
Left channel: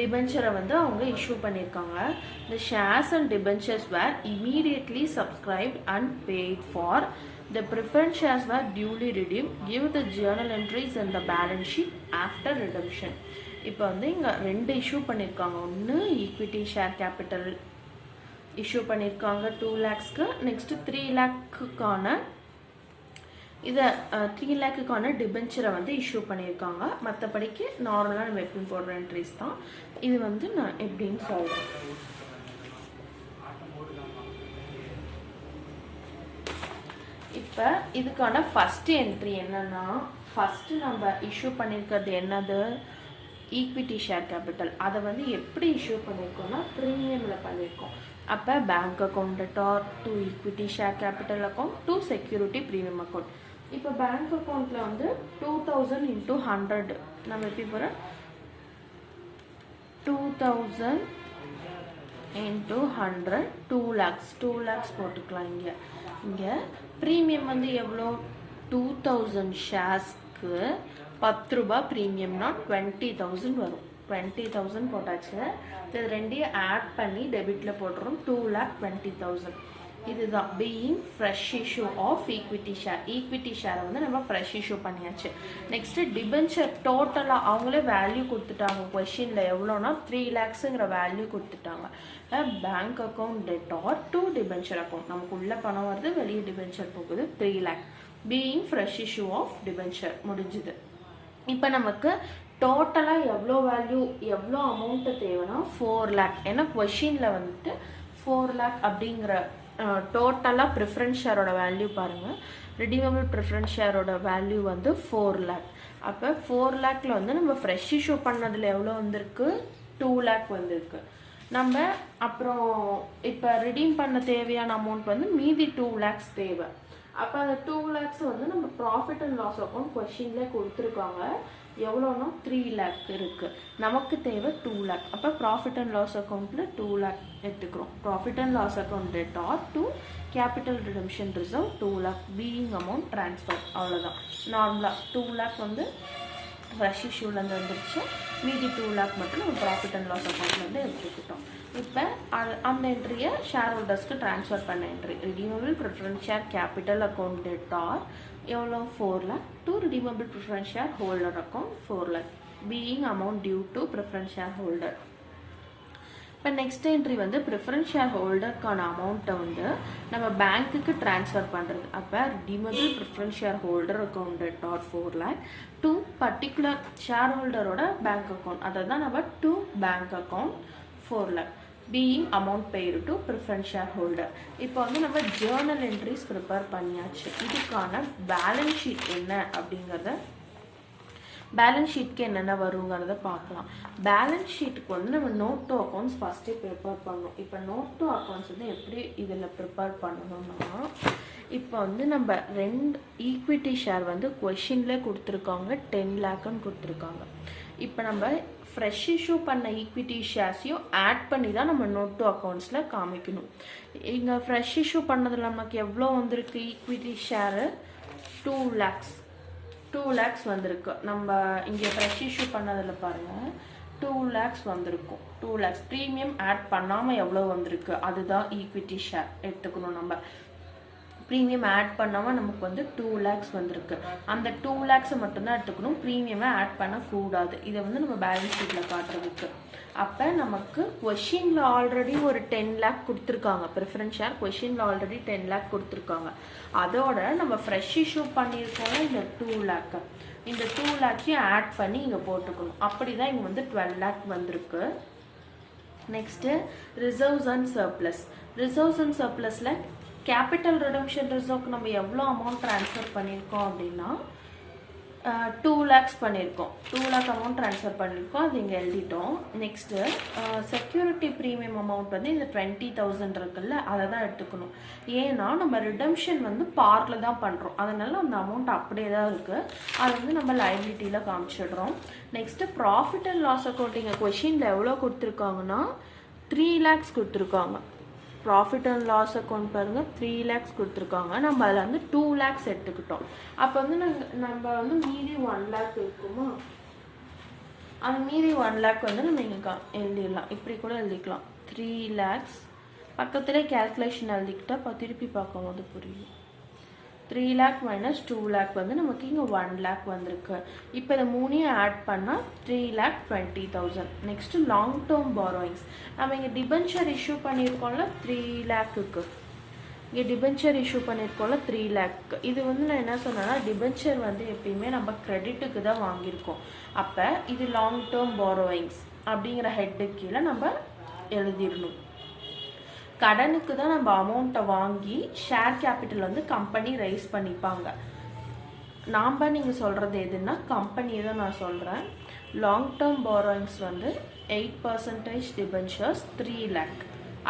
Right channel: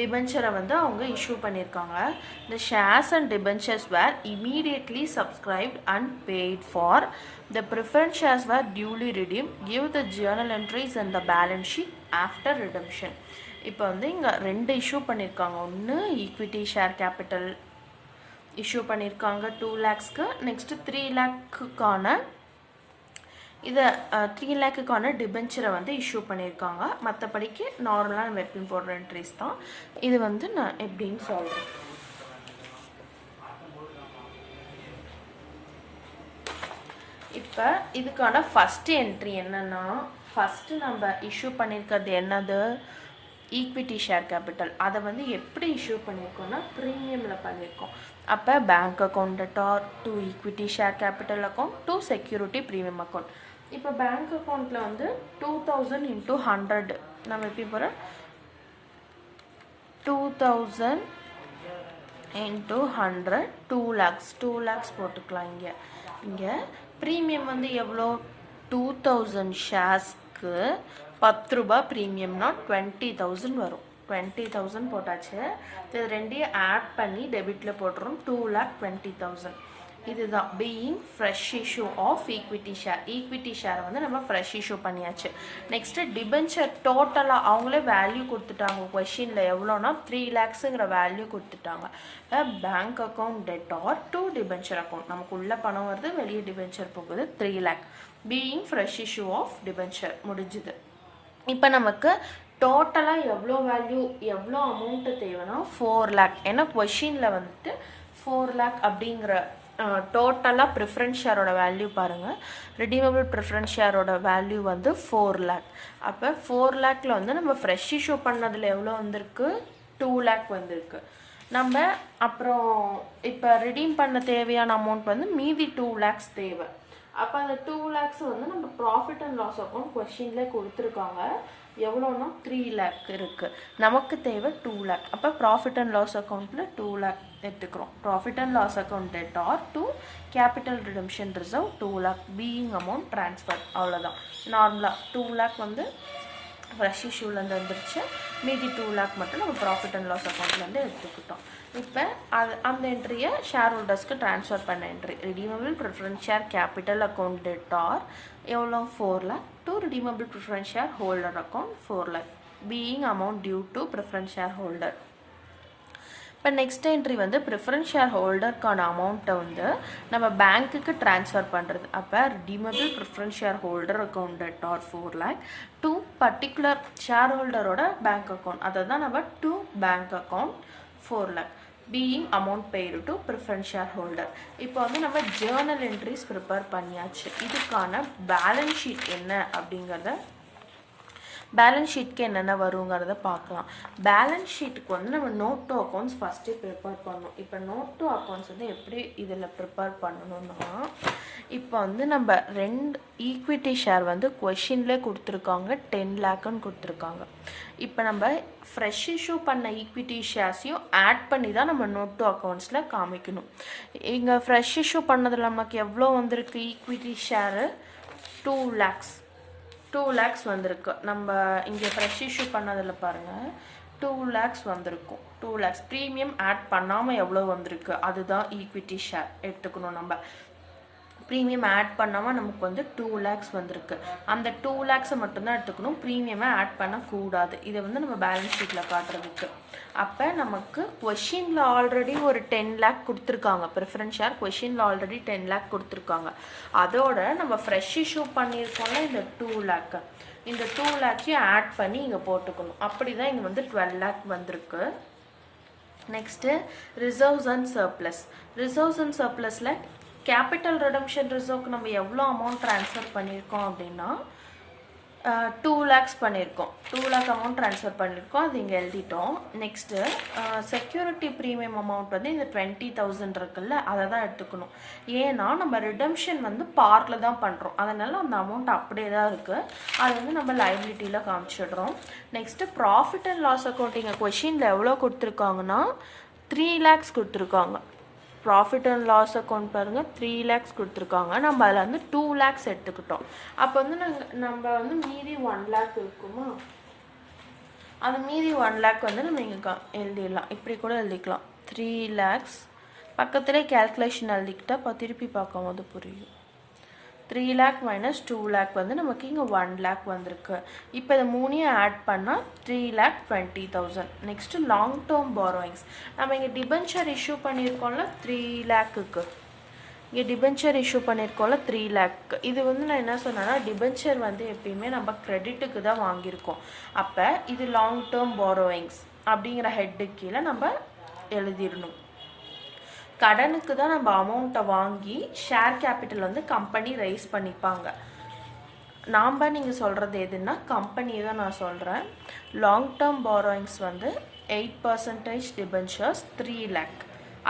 டிபென்ச்சரை வந்து அவங்க இஷ்யூ பண்ணியிருக்காங்க. The shares and debentures were immediately subscribed and paid for. The preference shares were duly redeemed. Give the journal entries and the balance sheet after redemption. இப்போ வந்து இங்கே 2 இஷ்யூ பண்ணியிருக்காங்க. ஒன்று ஈக்விட்டி ஷேர் கேபிட்டல் இஷ்யூ பண்ணியிருக்காங்க 2 lakhsக்கு. நெக்ஸ்ட்டு 3 lakhக்கான இதை 3 lakhக்கான டிபென்ச்சரை வந்து இஷ்யூ பண்ணியிருக்காங்க. மற்றபடிக்கு நார்மலாக நம்ம எப்பயும் போடுற என்ட்ரிஸ் தான். இது வந்து நான் எப்படின்னு சொல்கிறேன். இப்போ இதுக்கான ஃபஸ்ட்டு என்ட்ரி என்னன்னா, ஃபஸ்ட்டு நம்ம இஷ்யூ பண்ணியிருக்கிறது என்னது ஈக்விட்டி ஷேர் கேபிட்டல். அதை வந்து எப்படி இஷ்யூ பண்ணியிருக்கோம்னா ப்ரீமியமில் பண்ணியிருக்கோம். அப்போ bank account debtor to equity share capital account to security premium account. இப்போ பேங்க் அக்கௌண்ட்டில் வந்து 2000 × 100 நம்ம எப்படி போகிறோம் 2000 × 100 2 lakhs போட்டுக்கலாம். இங்கே ப்ரீமியம் வந்து எவ்வளோ 2000 ஷேர்ஸ்க்கு 10 ரூபாய் ப்ரீமியம்னா 20,000 வரும். 20,000 போட்டாச்சு. இது ரெண்டையும் ஆட் பண்ணி டெபிட்டில் போட்டுரும். 2,20,000. இதுதான் being fresh issue of equity share. Equity ஷேரை வந்து நம்ம ஃப்ரெஷ் இஷ்யூ பண்ணியாச்சு. நெக்ஸ்ட்டு டிபென்ச்சர் டோட்டலாக அவங்களே வேல்யூ கொடுத்துட்டாங்க. கொஷினில் எவ்வளோனா 3 lakhsங்கிற வேல்யூ கொடுத்துட்டாங்க. Bank account debtor to debenture account. நமக்கு உள்ள பணம் வருது, வெளியே டிபென்ச்சர் போகுது. 3 lakh being fresh issue of debenture முடிஞ்சுது. இப்போ நமக்கு டோட்டலாக எவ்வளோ வேல்யூ எவ்வளோ அமௌண்ட்டு தேவைன்னா 4 lakh. ஏன்னா கொஷினில் வந்துட்டு 4 lakh அப்படிங்கிற டோட்டலாக ப்ரிஃபரன்ஸ் ஷேரோட வேல்யூ பாருங்கள். ரிடீமபிள் ப்ரிஃபரன்ஸ் ஷேரோட வேல்யூ வந்து 4 lakh. அப்போ 4 lakhல வந்து நம்ம ஃப்ரெஷ் இஷ்யூ பண்ணதில் எவ்வளோ வந்திருக்கு? 2 lakh வந்திருக்கு. நம்ம அப்புறம் இப்போ ரிடீம் பண்ண தேவையான அமௌண்ட் வந்து மீதி 2 lakhs தேவை. அப்போ அந்த 2 lakhs வந்து நம்ம ப்ராஃபிட் அண்ட் லாஸ் அக்கௌண்ட் கொஷின்ல கொடுத்துருக்காங்க. எவ்வளோனா 3 lakh இருக்குது. நமக்கு தேவை 2 lakh. அப்போ ப்ராஃபிட் அண்ட் லாஸ் அக்கௌண்ட்டில் 2 lakh எடுத்துக்கிறோம். Profit and loss account debtor to capital redemption reserve 2 lakh being amount transfer. அவ்வளோதான். நார்மலாக 2 lakh வந்து ஃப்ரெஷ் இஷ்யூலேருந்து வந்துருச்சு. மீதி 2 lakh மட்டும் நம்ம ப்ராஃபிட் அண்ட் லாஸ் அக்கௌண்ட்லேருந்து எடுத்துக்கிட்டோம். இப்போ அந்த என்ட்ரியை ஷேர் ஹோல்டர்ஸ்க்கு ட்ரான்ஸ்ஃபர் பண்ண entry redeemable preference share capital account debtor எவ்வளோ 4 lakh to redeemable preference share holder account 4 lakh being amount due to preference share holder. இப்போ நெக்ஸ்ட் என்ட்ரி வந்து ப்ரிஃபரன்ஸ் ஷேர் ஹோல்டருக்கான அமௌண்ட்டை வந்து நம்ம பேங்க்குக்கு ட்ரான்ஸ்ஃபர் பண்ணுறது. அப்போ redeemable preference share holder account debtor 4 lakh to particular share ஹோல்டரோட பேங்க் அக்கௌண்ட். அதை தான் நம்ம to bank account 4 lakh being amount paid to preference share holder. இப்போ வந்து நம்ம ஜேர்னல் என்ட்ரிஸ் ப்ரிப்பேர் பண்ணியாச்சு. இதுக்கான பேலன்ஸ் ஷீட் என்ன அப்படிங்கிறத பேலன்ஸ் ஷீட்க்கு என்னென்ன வருங்கிறத பார்க்கலாம். பேலன்ஸ் ஷீட்டுக்கு வந்து நம்ம note to accounts first prepare பண்ணணும். இப்போ நோட் டு அக்கௌண்ட்ஸ் வந்து எப்படி இதில் ப்ரிப்பேர் பண்ணணும்னா, இப்போ வந்து நம்ம 2 ஈக்விட்டி ஷேர் வந்து கொஷின்லேயே கொடுத்துருக்காங்க. 10 lakhன்னு கொடுத்துருக்காங்க. இப்போ நம்ம ஃப்ரெஷ் இஷ்யூ பண்ண ஈக்விட்டி ஷேர்ஸையும் ஆட் பண்ணி தான் நம்ம நோட் டு அக்கௌண்ட்ஸில் காமிக்கணும். இங்கே ஃப்ரெஷ் இஷ்யூ பண்ணதில் நமக்கு எவ்வளோ வந்திருக்கு? Equity share 2 lakhs. 2 lakhs வந்திருக்கு. நம்ம இங்கே ஃப்ரெஷ் இஷ்யூ பண்ணதில் பாருங்கள் 2 lakhs வந்திருக்கும். 2 lakhs ப்ரீமியம் ஆட் பண்ணாமல் எவ்வளோ வந்திருக்கு அதுதான் ஈக்விட்டி ஷேர் எடுத்துக்கணும். நம்ம ப்ரீமியம் ஆட் பண்ணாமல் நமக்கு வந்து 2 lakhs வந்திருக்கு. அந்த 2 lakhs மட்டும்தான் எடுத்துக்கணும். ப்ரீமியமை ஆட் பண்ணக்கூடாது. இதை வந்து நம்ம பேலன்ஸ் ஷீட்டில் காட்டுறதுக்கு. அப்போ நமக்கு கொஷினில் ஆல்ரெடி ஒரு 10 lakh கொடுத்துருக்காங்க. ப்ரிஃபரன்ஸ் ஷேர் கொஷினில் ஆல்ரெடி 10 lakh கொடுத்துருக்காங்க. அதோட நம்ம ஃப்ரெஷ் இஷ்யூ பண்ணியிருக்கோம்ல இந்த 2 lakh, இந்த 2 lakhையும் ஆட் பண்ணி இங்கே போட்டுக்கணும். அப்படி தான் இங்கே வந்து 12 lakh வந்திருக்கு. Next reserves and surplus. Reserves and சர்ப்ளஸில் கேபிட்டல் ரிடம்ஷன் ரிசர்வ்க்கு நம்ம எவ்வளோ அமௌண்ட் ட்ரான்ஸ்ஃபர் பண்ணியிருக்கோம் அப்படின்னா 2 lakhs பண்ணியிருக்கோம். 2 lakh அமௌண்ட் ட்ரான்ஸ்ஃபர் பண்ணியிருக்கோம். அது இங்கே எழுதிட்டோம். நெக்ஸ்ட்டு செக்யூரிட்டி ப்ரீமியம் அமௌண்ட் வந்து இந்த 20,000 இருக்குல்ல, அதை தான் எடுத்துக்கணும். ஏன்னா நம்ம ரிடம்ஷன் வந்து பார்ட்டில் தான் பண்ணுறோம். அதனால் அந்த அமௌண்ட் அப்படியே தான் இருக்குது. அது வந்து நம்ம லைபிலிட்டியில் காமிச்சிடுறோம். Next profit and loss accounting கொஷினில் எவ்வளோ கொடுத்துருக்காங்கன்னா 3 lakhs கொடுத்துருக்காங்க. ப்ராஃபிட் அண்ட் லாஸ் அக்கௌண்ட் பாருங்கள் 3 lakhs கொடுத்துருக்காங்க. நம்ம அதில் வந்து 2 lakhs எடுத்துக்கிட்டோம். அப்போ வந்து நம்ம வந்து மீதி 1 lakh இருக்குமா, அது மீதி 1 lakh வந்து நம்ம இங்கே எழுதிடலாம். இப்படி கூட எழுதிக்கலாம். 3 lakhs பக்கத்துலேயே கேல்குலேஷன் எழுதிக்கிட்டா திருப்பி பார்க்கும்போது புரியும். 3 lakh minus 2 lakh வந்து நமக்கு இங்கே 1 lakh வந்திருக்கு. இப்போ இதை 3ஐயும் ஆட் பண்ணால் 3,20,000. Next long term borrowings. நம்ம இங்கே டிபென்ச்சர் இஷ்யூ பண்ணியிருக்கோம்ல 3 lakhக்கு. இங்கே டிபென்ச்சர் இஷ்யூ பண்ணியிருக்கோம்ல 3 lakh. இது வந்து நான் என்ன சொன்னேன்னா டிபென்ச்சர் வந்து எப்பயுமே நம்ம கிரெடிட்டுக்கு தான் வாங்கியிருக்கோம். அப்போ இது லாங் டேர்ம் பாரோயிங்ஸ் அப்படிங்கிற ஹெட்டு கீழே நம்ம எழுதிடணும். கடனுக்கு தான் நம்ம அமௌண்ட்டை வாங்கி ஷேர் கேபிட்டல் வந்து கம்பெனி ரைஸ் பண்ணிப்பாங்க. நாம் நீங்கள் சொல்கிறது எதுன்னா கம்பெனி தான் நான் சொல்கிறேன். லாங் டேர்ம் பாரோயிங்ஸ் வந்து 8% டிபென்ச்சர்ஸ் 3 lakh.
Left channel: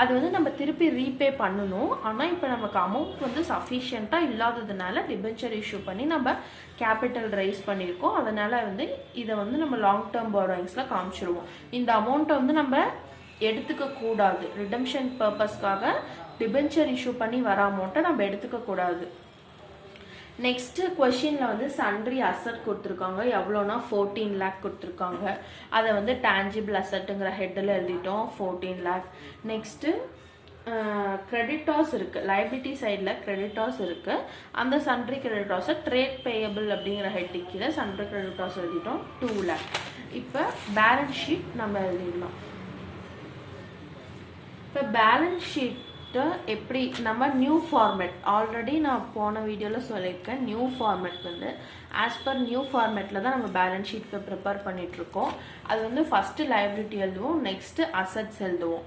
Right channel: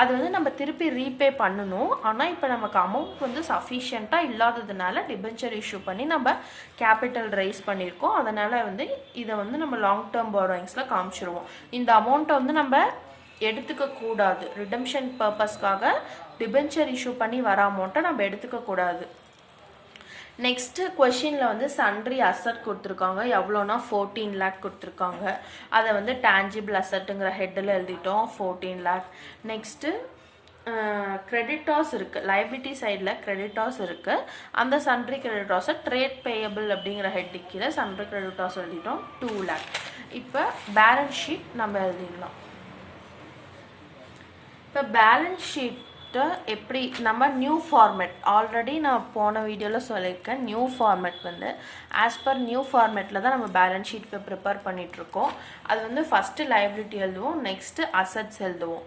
அது வந்து நம்ம திருப்பி ரீபே பண்ணணும். ஆனால் இப்போ நமக்கு அமௌண்ட் வந்து சஃபிஷியண்ட்டாக இல்லாததுனால டிபென்ச்சர் இஷ்யூ பண்ணி நம்ம கேபிட்டல் ரைஸ் பண்ணியிருக்கோம். அதனால் வந்து இதை வந்து நம்ம லாங் டேர்ம் பாரோயிங்ஸில் காமிச்சிருவோம். இந்த அமௌண்ட்டை வந்து நம்ம எடுத்துக்க கூடாது. ரிடம்ஷன் பர்பஸ்க்காக டிபென்ச்சர் இஷ்யூ பண்ணி வர அமௌண்ட்டை நம்ம எடுத்துக்க கூடாது. நெக்ஸ்ட்டு கொஷினில் வந்து சன்ட்ரி அசட் கொடுத்துருக்காங்க, எவ்வளோனா 14 லேக் கொடுத்துருக்காங்க. அதை வந்து டேஞ்சிபிள் அசட்டுங்கிற ஹெட்டில் எழுதிட்டோம் 14 லேக். நெக்ஸ்ட்டு கிரெடிட்டாஸ் இருக்குது, லைபிலிட்டி சைடில் கிரெடிட்டாஸ் இருக்குது. அந்த சன்ட்ரி கிரெடிட்டாஸை ட்ரேட் பேயபிள் அப்படிங்கிற ஹெட்டுக்கு கீழே சன்ட்ரி கிரெடிட்டாஸ் எழுதிட்டோம் 2 லேக். இப்போ பேலன்ஸ் ஷீட் நம்ம எழுதிடலாம். இப்போ பேலன்ஸ் ஷீட்டை எப்படி நம்ம நியூ ஃபார்மேட், ஆல்ரெடி நான் போன வீடியோவில் சொல்லியிருக்கேன், நியூ ஃபார்மேட் வந்து ஆஸ் பர் நியூ ஃபார்மேட்டில் தான் நம்ம பேலன்ஸ் ஷீட்டுக்கு ப்ரிப்பேர் பண்ணிகிட்ருக்கோம். அது வந்து ஃபஸ்ட்டு லைபிலிட்டி எழுதுவோம், நெக்ஸ்ட்டு அசட்ஸ் எழுதுவோம்.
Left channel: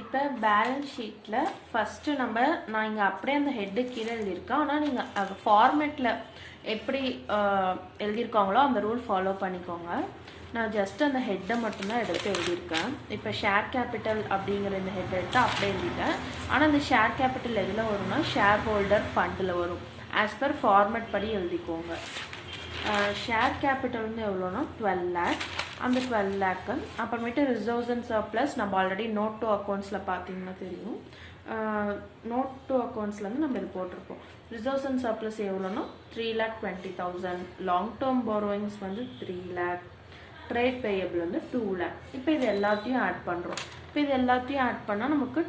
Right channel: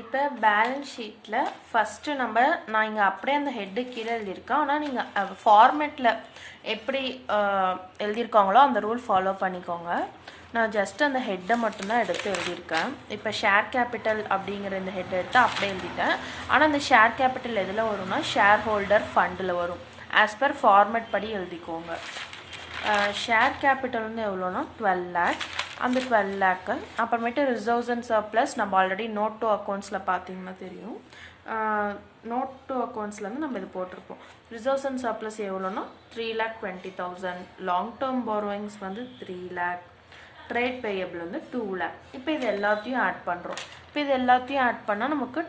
இப்போ பேலன்ஸ் ஷீட்டில் ஃபஸ்ட்டு நான் இங்கே அப்படியே அந்த ஹெட்டு கீழே எழுதியிருக்கேன். ஆனால் நீங்கள் ஃபார்மேட்டில் எப்படி எழுதியிருக்காங்களோ அந்த ரூல் ஃபாலோ பண்ணிக்கோங்க. நான் ஜஸ்ட் அந்த ஹெட்டை மட்டும்தான் எடுத்து எழுதியிருக்கேன். இப்போ ஷேர் கேபிட்டல் அப்படிங்கிற இந்த ஹெட் எடுத்து அப்படியே எழுதிட்டேன். ஆனால் இந்த ஷேர் கேபிட்டல் எதில் வரும்னா ஷேர் ஹோல்டர் ஃபண்டில் வரும். ஆஸ் பர் ஃபார்மேட் படி எழுதிக்கோங்க. ஷேர் கேபிட்டல் வந்து எவ்வளோனா 12 லேக். அந்த 12 லேக்கு அப்புறமேட்டு ரிசர்வ்ஸ் அண்ட் சர்ப்ளஸ் நம்ம ஆல்ரெடி நோட் டு அக்கௌண்ட்ஸில் பார்த்தீங்கன்னா தெரியும். நோட் டு அக்கௌண்ட்ஸில் வந்து நம்ம இது போட்டிருக்கோம். ரிசர்வ்ஸ் அண்ட் சர்ப்ளஸ் எவ்வளோனா 3,20,000. லாங் டேர்ம் போரோயிங்ஸ் வந்து 3 லேக். ட்ரேட் பேயபிள் வந்து 2 லேக். இப்போ இது எல்லாத்தையும் ஆட் பண்ணுறோம். இப்போ இது எல்லாத்தையும் ஆட் பண்ணால் நமக்கு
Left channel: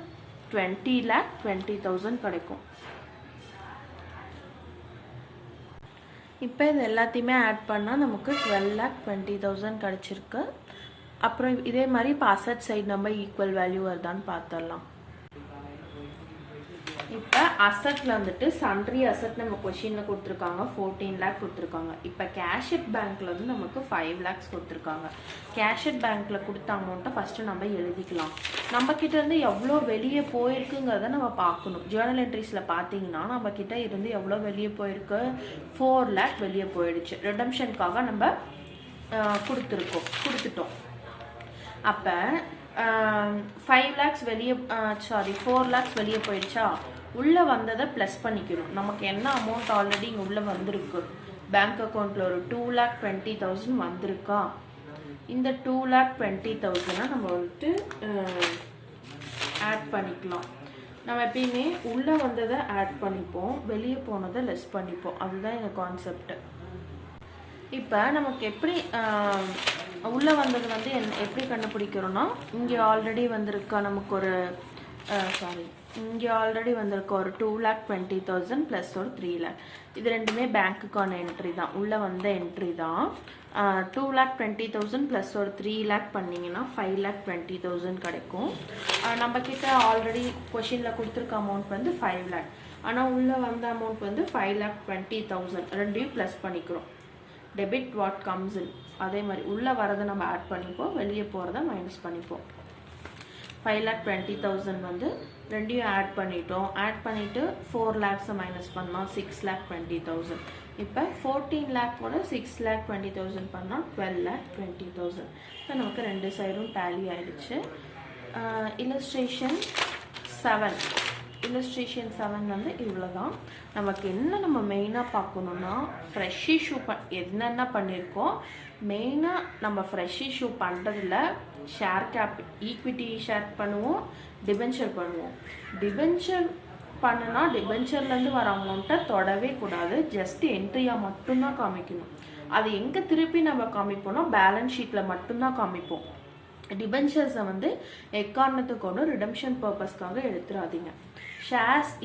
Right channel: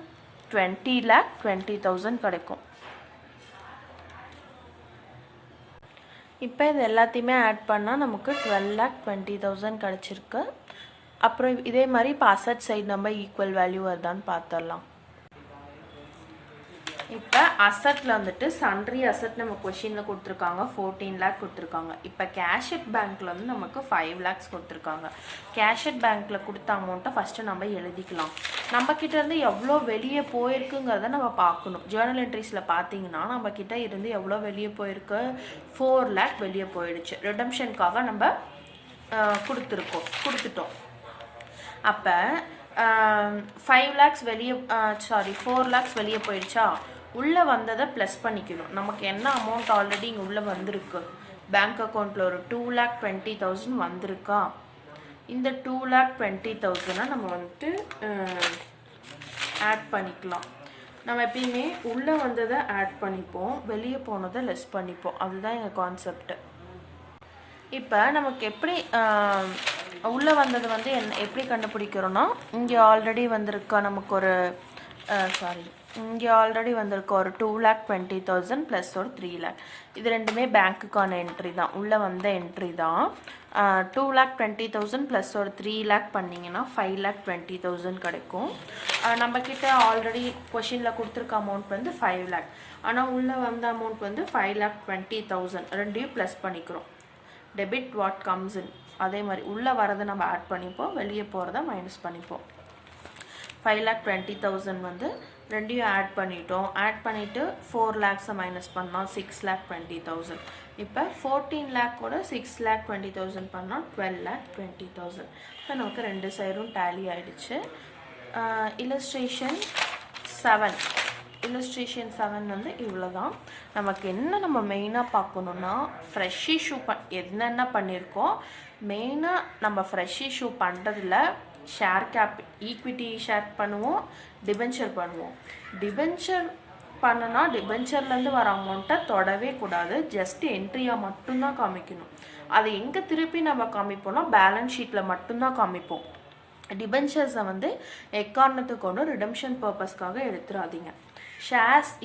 20,20,000 கிடைக்கும். இப்போ இது எல்லாத்தையுமே ஆட் பண்ணால் நமக்கு 12,20,000 கிடச்சிருக்கு. அப்புறம் இதே மாதிரி இப்போ அசட் சைடு நம்ம ஈக்குவல் வேல்யூ வருதான்னு பார்த்துடலாம். இப்போ அசட்டில் வந்துட்டு சன்ட்ரி அசட் நம்ம கொஷினில் கொடுத்துருக்காங்க 14 லேக் கொடுத்துருக்காங்க. இப்போ கேஷட் பேங்க்கில் வந்து நமக்கு 5 லேக்ஸ் கொடுத்துருக்காங்க. கேஷட் பேங்க்கில் கொடுத்த அமௌண்ட்டை ஃபஸ்ட்டு நம்ம எழுதிக்கலாம். நம்மக்கிட்ட இருந்து எவ்வளோ வெளியே போயிருக்குங்கிறத நம்ம பார்க்கணும். ஜேர்னல் என்ட்ரிஸில் பார்த்தீங்கன்னா நம்மக்கிட்ட இருந்து எவ்வளோ வெளியே போயிருக்கு, 4 லேக் வெளியே போயிடுச்சு. ரிடம்ஷனுக்காக நம்ம கொடுத்துட்டோம். அப்போ 5 லேக்ஸ் வெளியே 4 லேக்ஸ் வெளியே போயிடுச்சா, உள்ளே வந்ததை ப்ளஸ் பண்ணிக்கணும். நமக்கு என்ன அமௌண்ட் ஆல்ரெடி இங்கே உள்ளே வந்திருக்கு, பேங்க் அக்கௌண்ட்டில் ஒரு 2,20,000 வந்திருக்கா. இந்த 2,20,000 நம்ம வந்துட்டு ஆட் பண்ணிக்கலாம். நம்ம எப்பயுமே உள்ளே வந்ததை ஆட் பண்ணிப்போம், வெளியே போனதை லெஸ் பண்ணிப்போம். அதுதான் எங்கள் கான்செப்ட். இப்போ நமக்கு எப்படி உள்ளே வந்தது வந்து எப்படி கண்டுபிடிக்கிறோன்னா, இங்கே ஆல்ரெடி வந்திருக்கா நமக்கு ஒரு இங்கே ஆல்ரெடி வந்திருக்க ஒரு 2,20,000 ப்ளஸ் ஒரு 3 லேக். இது ரெண்டுமே பேங்க்குக்கான என்ட்ரி தான், உள்ளே வந்த என்ட்ரி தான். 2,20,000 ப்ளஸ் ஒரு 3 லேக் பண்ணிங்கன்னா 5,20,000 கிடைக்கும். நம்மக்கிட்ட ஆல்ரெடி கொஷினில் கொடுத்துருக்க அமௌண்ட் வந்து 5 லேக். ஆனால் உள்ளே வந்த அமௌண்ட் வந்து 5,20,000. ரெண்டையும் ப்ளஸ் பண்ணிக்கிறோம். Debit what comes in. அதே மாதிரி உள்ளே வரதை நம்ம ஆட் பண்ணிப்போம், வெளியே போகிறத மைனஸ் பண்ணிப்போம். 5,20,000 வந்து ரெண்டையும் ஆட் பண்ணிட்டோம். ஆட் பண்ணிவிட்டு 4 லேக்ஸை மைனஸ் பண்ணால் 6,20,000. இப்போ 14 லேக் கூட 6,20,000 பண்ணால் 12,20,000. இப்போ நமக்கு ரெண்டு சைடும் டேலி ஆகிடுச்சு. இல்லஸ்ட்ரேஷன் 7 வந்து இவ்வளோ தான். நமக்கு நம்ம மெயினாக பார்க்கணுன்னா ஃப்ரெஷ் இஷ்யூ என்னென்ன பண்ணியிருக்கோம். மெயினாக நம்ம ஃப்ரெஷ் இஷ்யூ பண்ணுறதுல ஷேர் ஈக்விட்டி ஷேர் பண்ணுவோம், டிபென்ச்சர் பண்ணுவோம். டிபென்ச்சர் பண்ணனா டிபென்ச்சர்லேருந்து வர அமௌண்ட்டை தொடவே கூடாது, ஜஸ்ட் என்ட்ரியாக மட்டும்தான் காமிக்கணும். அதை எங்கே திருப்பி நம்ம காமிப்போம்னா பேலன்ஸ் ஷீட்டில் மட்டும்தான் காமிப்போம். டிபென்ச்சர்ஸை வந்து எக்காரணத்துக்கு ஒன்று ரிடம்ஷன் பர்பஸ்க்காக எடுத்துடாதீங்க.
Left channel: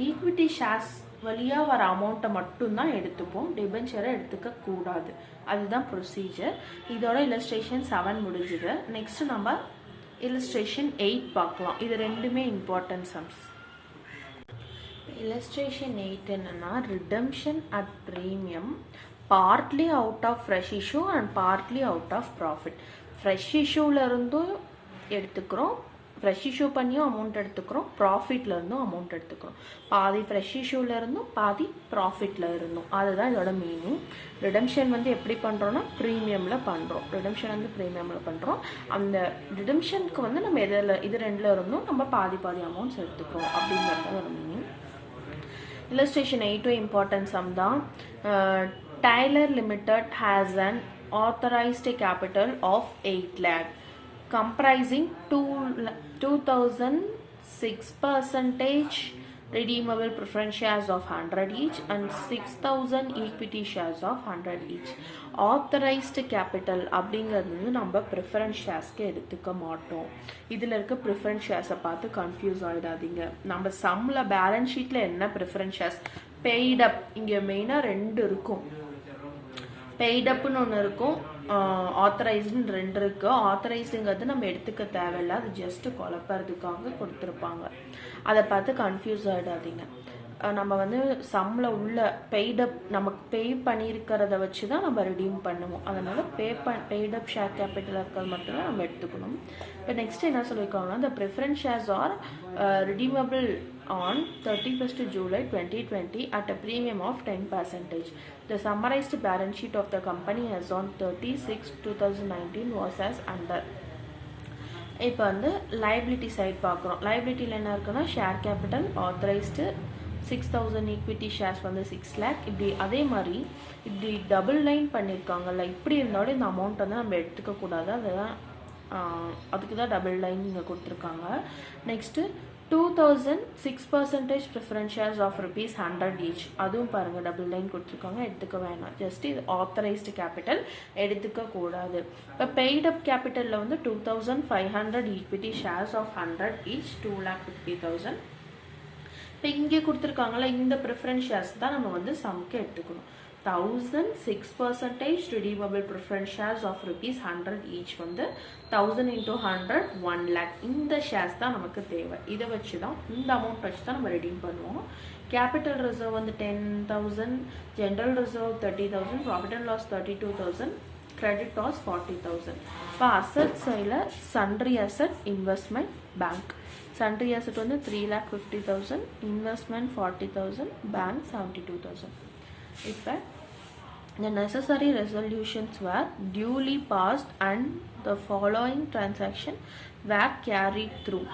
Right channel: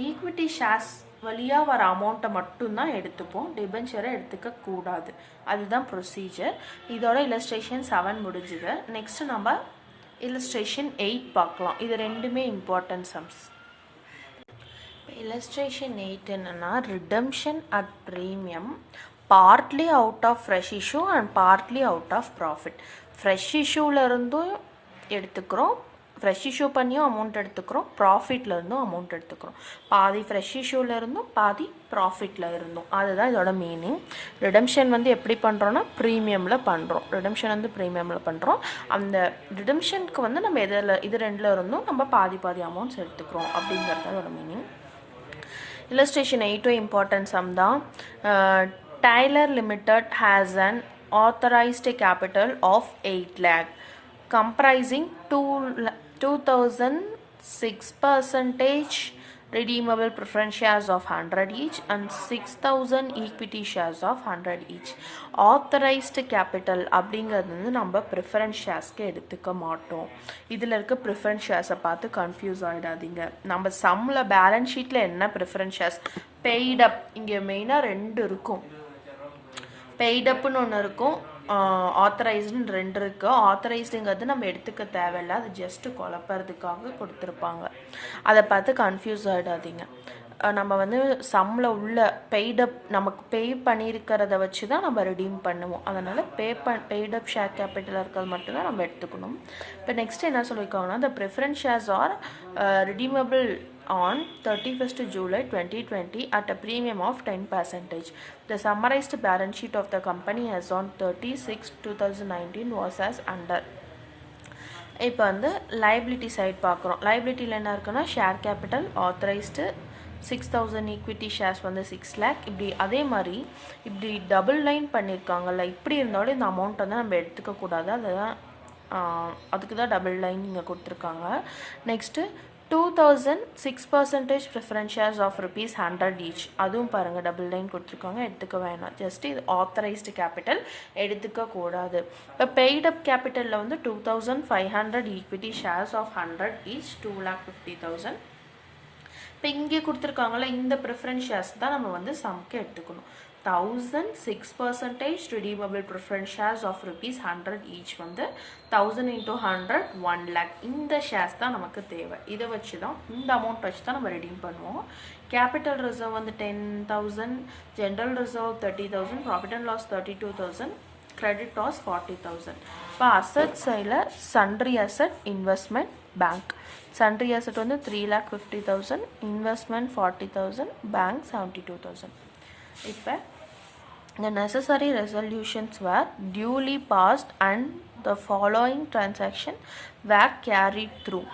ஈக்விட்டி ஷேர்ஸ் வழியாக வர அமௌண்ட்டை மட்டும்தான் எடுத்துப்போம், டிபென்ச்சரை எடுத்துக்க கூடாது. அதுதான் ப்ரொசீஜர். இதோட இல்லஸ்ட்ரேஷன் 7 முடிஞ்சுது. நெக்ஸ்ட்டு நம்ம இல்லஸ்ட்ரேஷன் 8 பார்க்கலாம். இது ரெண்டுமே இம்பார்ட்டன்ட் சம்ஸ். illustration 8 என்னன்னா redemption at premium partly out of fresh issue and partly out of profit. fresh issueல இருந்தும் எடுத்துக்கிறோம், ஃப்ரெஷ் இஷ்யூ பண்ணியும் அமௌண்ட் எடுத்துக்கிறோம், ப்ராஃபிட்டில் இருந்தும் அமௌண்ட் எடுத்துக்கிறோம். பாதி ஃப்ரெஷ் இஷ்யூவில் இருந்தும் பாதி ப்ராஃபிட்டில் இருந்தும். அதுதான் இதோட மீனிங். ரிடம்ஷன் வந்து எப்படி பண்ணுறோன்னா ப்ரீமியமில் பண்ணுறோம். ரிடம்ஷன் வந்து ப்ரீமியமில் பண்ணுறோம். அந்த ரிடம்ஷனுக்கு வந்து நம்ம இது ரெண்டில் இருந்தும் நம்ம பாதி அமௌண்ட்ஸ் எடுத்துக்கிறோம் அப்படிங்கிறது அதோட மீனிங். illustration 8 important sum தான். Tyler Limited has an authorized capital of 8 lakh comprising 2,006% redeemable preference shares of 100 each and 6,000 equity shares of 100 each. Authorized capital அப்படிங்கிறது வந்து நம்ம ப்ரிஃபரன்ஸ் ஷேர்ஸ்க்கு எடுத்துக்க மாட்டோம். இதில் இருக்க ப்ரிஃபரன்ஸ் ஷேர்ஸை பார்த்து கன்ஃபியூஸ் ஆகிடாதீங்க. நம்ம சம்மில் பேலன்ஸ் ஷீட்டில் என்ன ப்ரிஃபரன்ஸ் ஷேர்ஸ் பெய்டப் இங்கே மெயினாக 2 இருக்கும். பெய்டப்புன்னு ஒன்று இருக்கும், ஆத்தரைஸ்டுன்னு 2 இருக்குது. ஆத்தரைஸ்டுங்கிறது நம்ம எடுத்துக்க தேவையில்லை, அது ஜஸ்ட்டு குழப்பறதுக்காக கொடுத்துருப்பாங்க. அதை பார்த்து கன்ஃபியூஸ் ஆகிடாதீங்க. நம்ம வந்து சம்மில் உள்ள பெய்டப் நமக்கு பே பண்ணியிருக்கிறத வச்சு தான் நம்ம ரிடீம் பண்ணுவோம். அதனால் பெய்டப் ஷேர் கேபிட்டல் இருக்கிறது மட்டும்தான் நம்ம எடுத்துக்கணும். இப்போ நெக்ஸ்ட் என்ன சொல்லியிருக்காங்கன்னா, the preference shares are redeemable on 31st July 2020 at a premium of 10%. The summarized balance sheet of the company as on 30/6/2019 was as under. இப்போ வந்து லைபிலிட்டி சைட் பார்க்குறோம். லைபிலிட்டியில் என்ன இருக்குன்னா, share capital authorised 6,000 equity shares வந்து 6 lakh. இப்படி அதே மாதிரி இப்படி டபுள் லைன் பண்ணியிருக்காங்கல்ல, இப்படி இருந்தாலும் இந்த அமௌண்ட் வந்து நம்ம எடுத்துக்கக்கூடாது. அதுதான் அதுக்கு தான் டபுள் லைன் இங்கே கொடுத்துருக்காங்க. Next 2,000 6% preference shares of ₹100 each. அதுவும் பாருங்கள் டபுள் லைன் கொடுத்துருக்காங்க, எடுத்துக்க வேணாம். ஜஸ்ட் இது ஆத்தரைஸ்டு கேபிட்டல் எடுத்துக்கக்கூடாது. இப்போ பெய்டப் கேபிட்டலில் வந்து 2,500 ஈக்விட்டி ஷேர்ஸ் ஆஃப் 100 ஈச் 2,50,000. இப்போ இங்கே கொடுத்துருக்காங்களே இந்த ப்ரிஃபரன்ஸ் ஷேர்ஸ் தான் நம்ம வந்து சம்க்கு எடுத்துக்கணும். 1,006% redeemable preference shares of ₹100 each வந்து 1000 into 100 1 lakh. இந்த ஷேர்ஸ் தான் நமக்கு தேவை. இதை வச்சு தான் இந்த அமௌண்ட் வச்சு தான் நம்ம ரெடீம் பண்ணுவோம். கேபிட்டல் ரிசர்வ் வந்து 10,000, general reserve 30,000, profit and loss 32,000, credit loss 40,000. இப்போ அசட் சைடில் sundry asset, investment, bank. Sundry asset வந்து 3,50,000, இன்வெஸ்ட்மெண்ட் 40,000, பேங்க் 72,000. இப்போ the necessary resolutions were duly passed and the following transaction were carried through.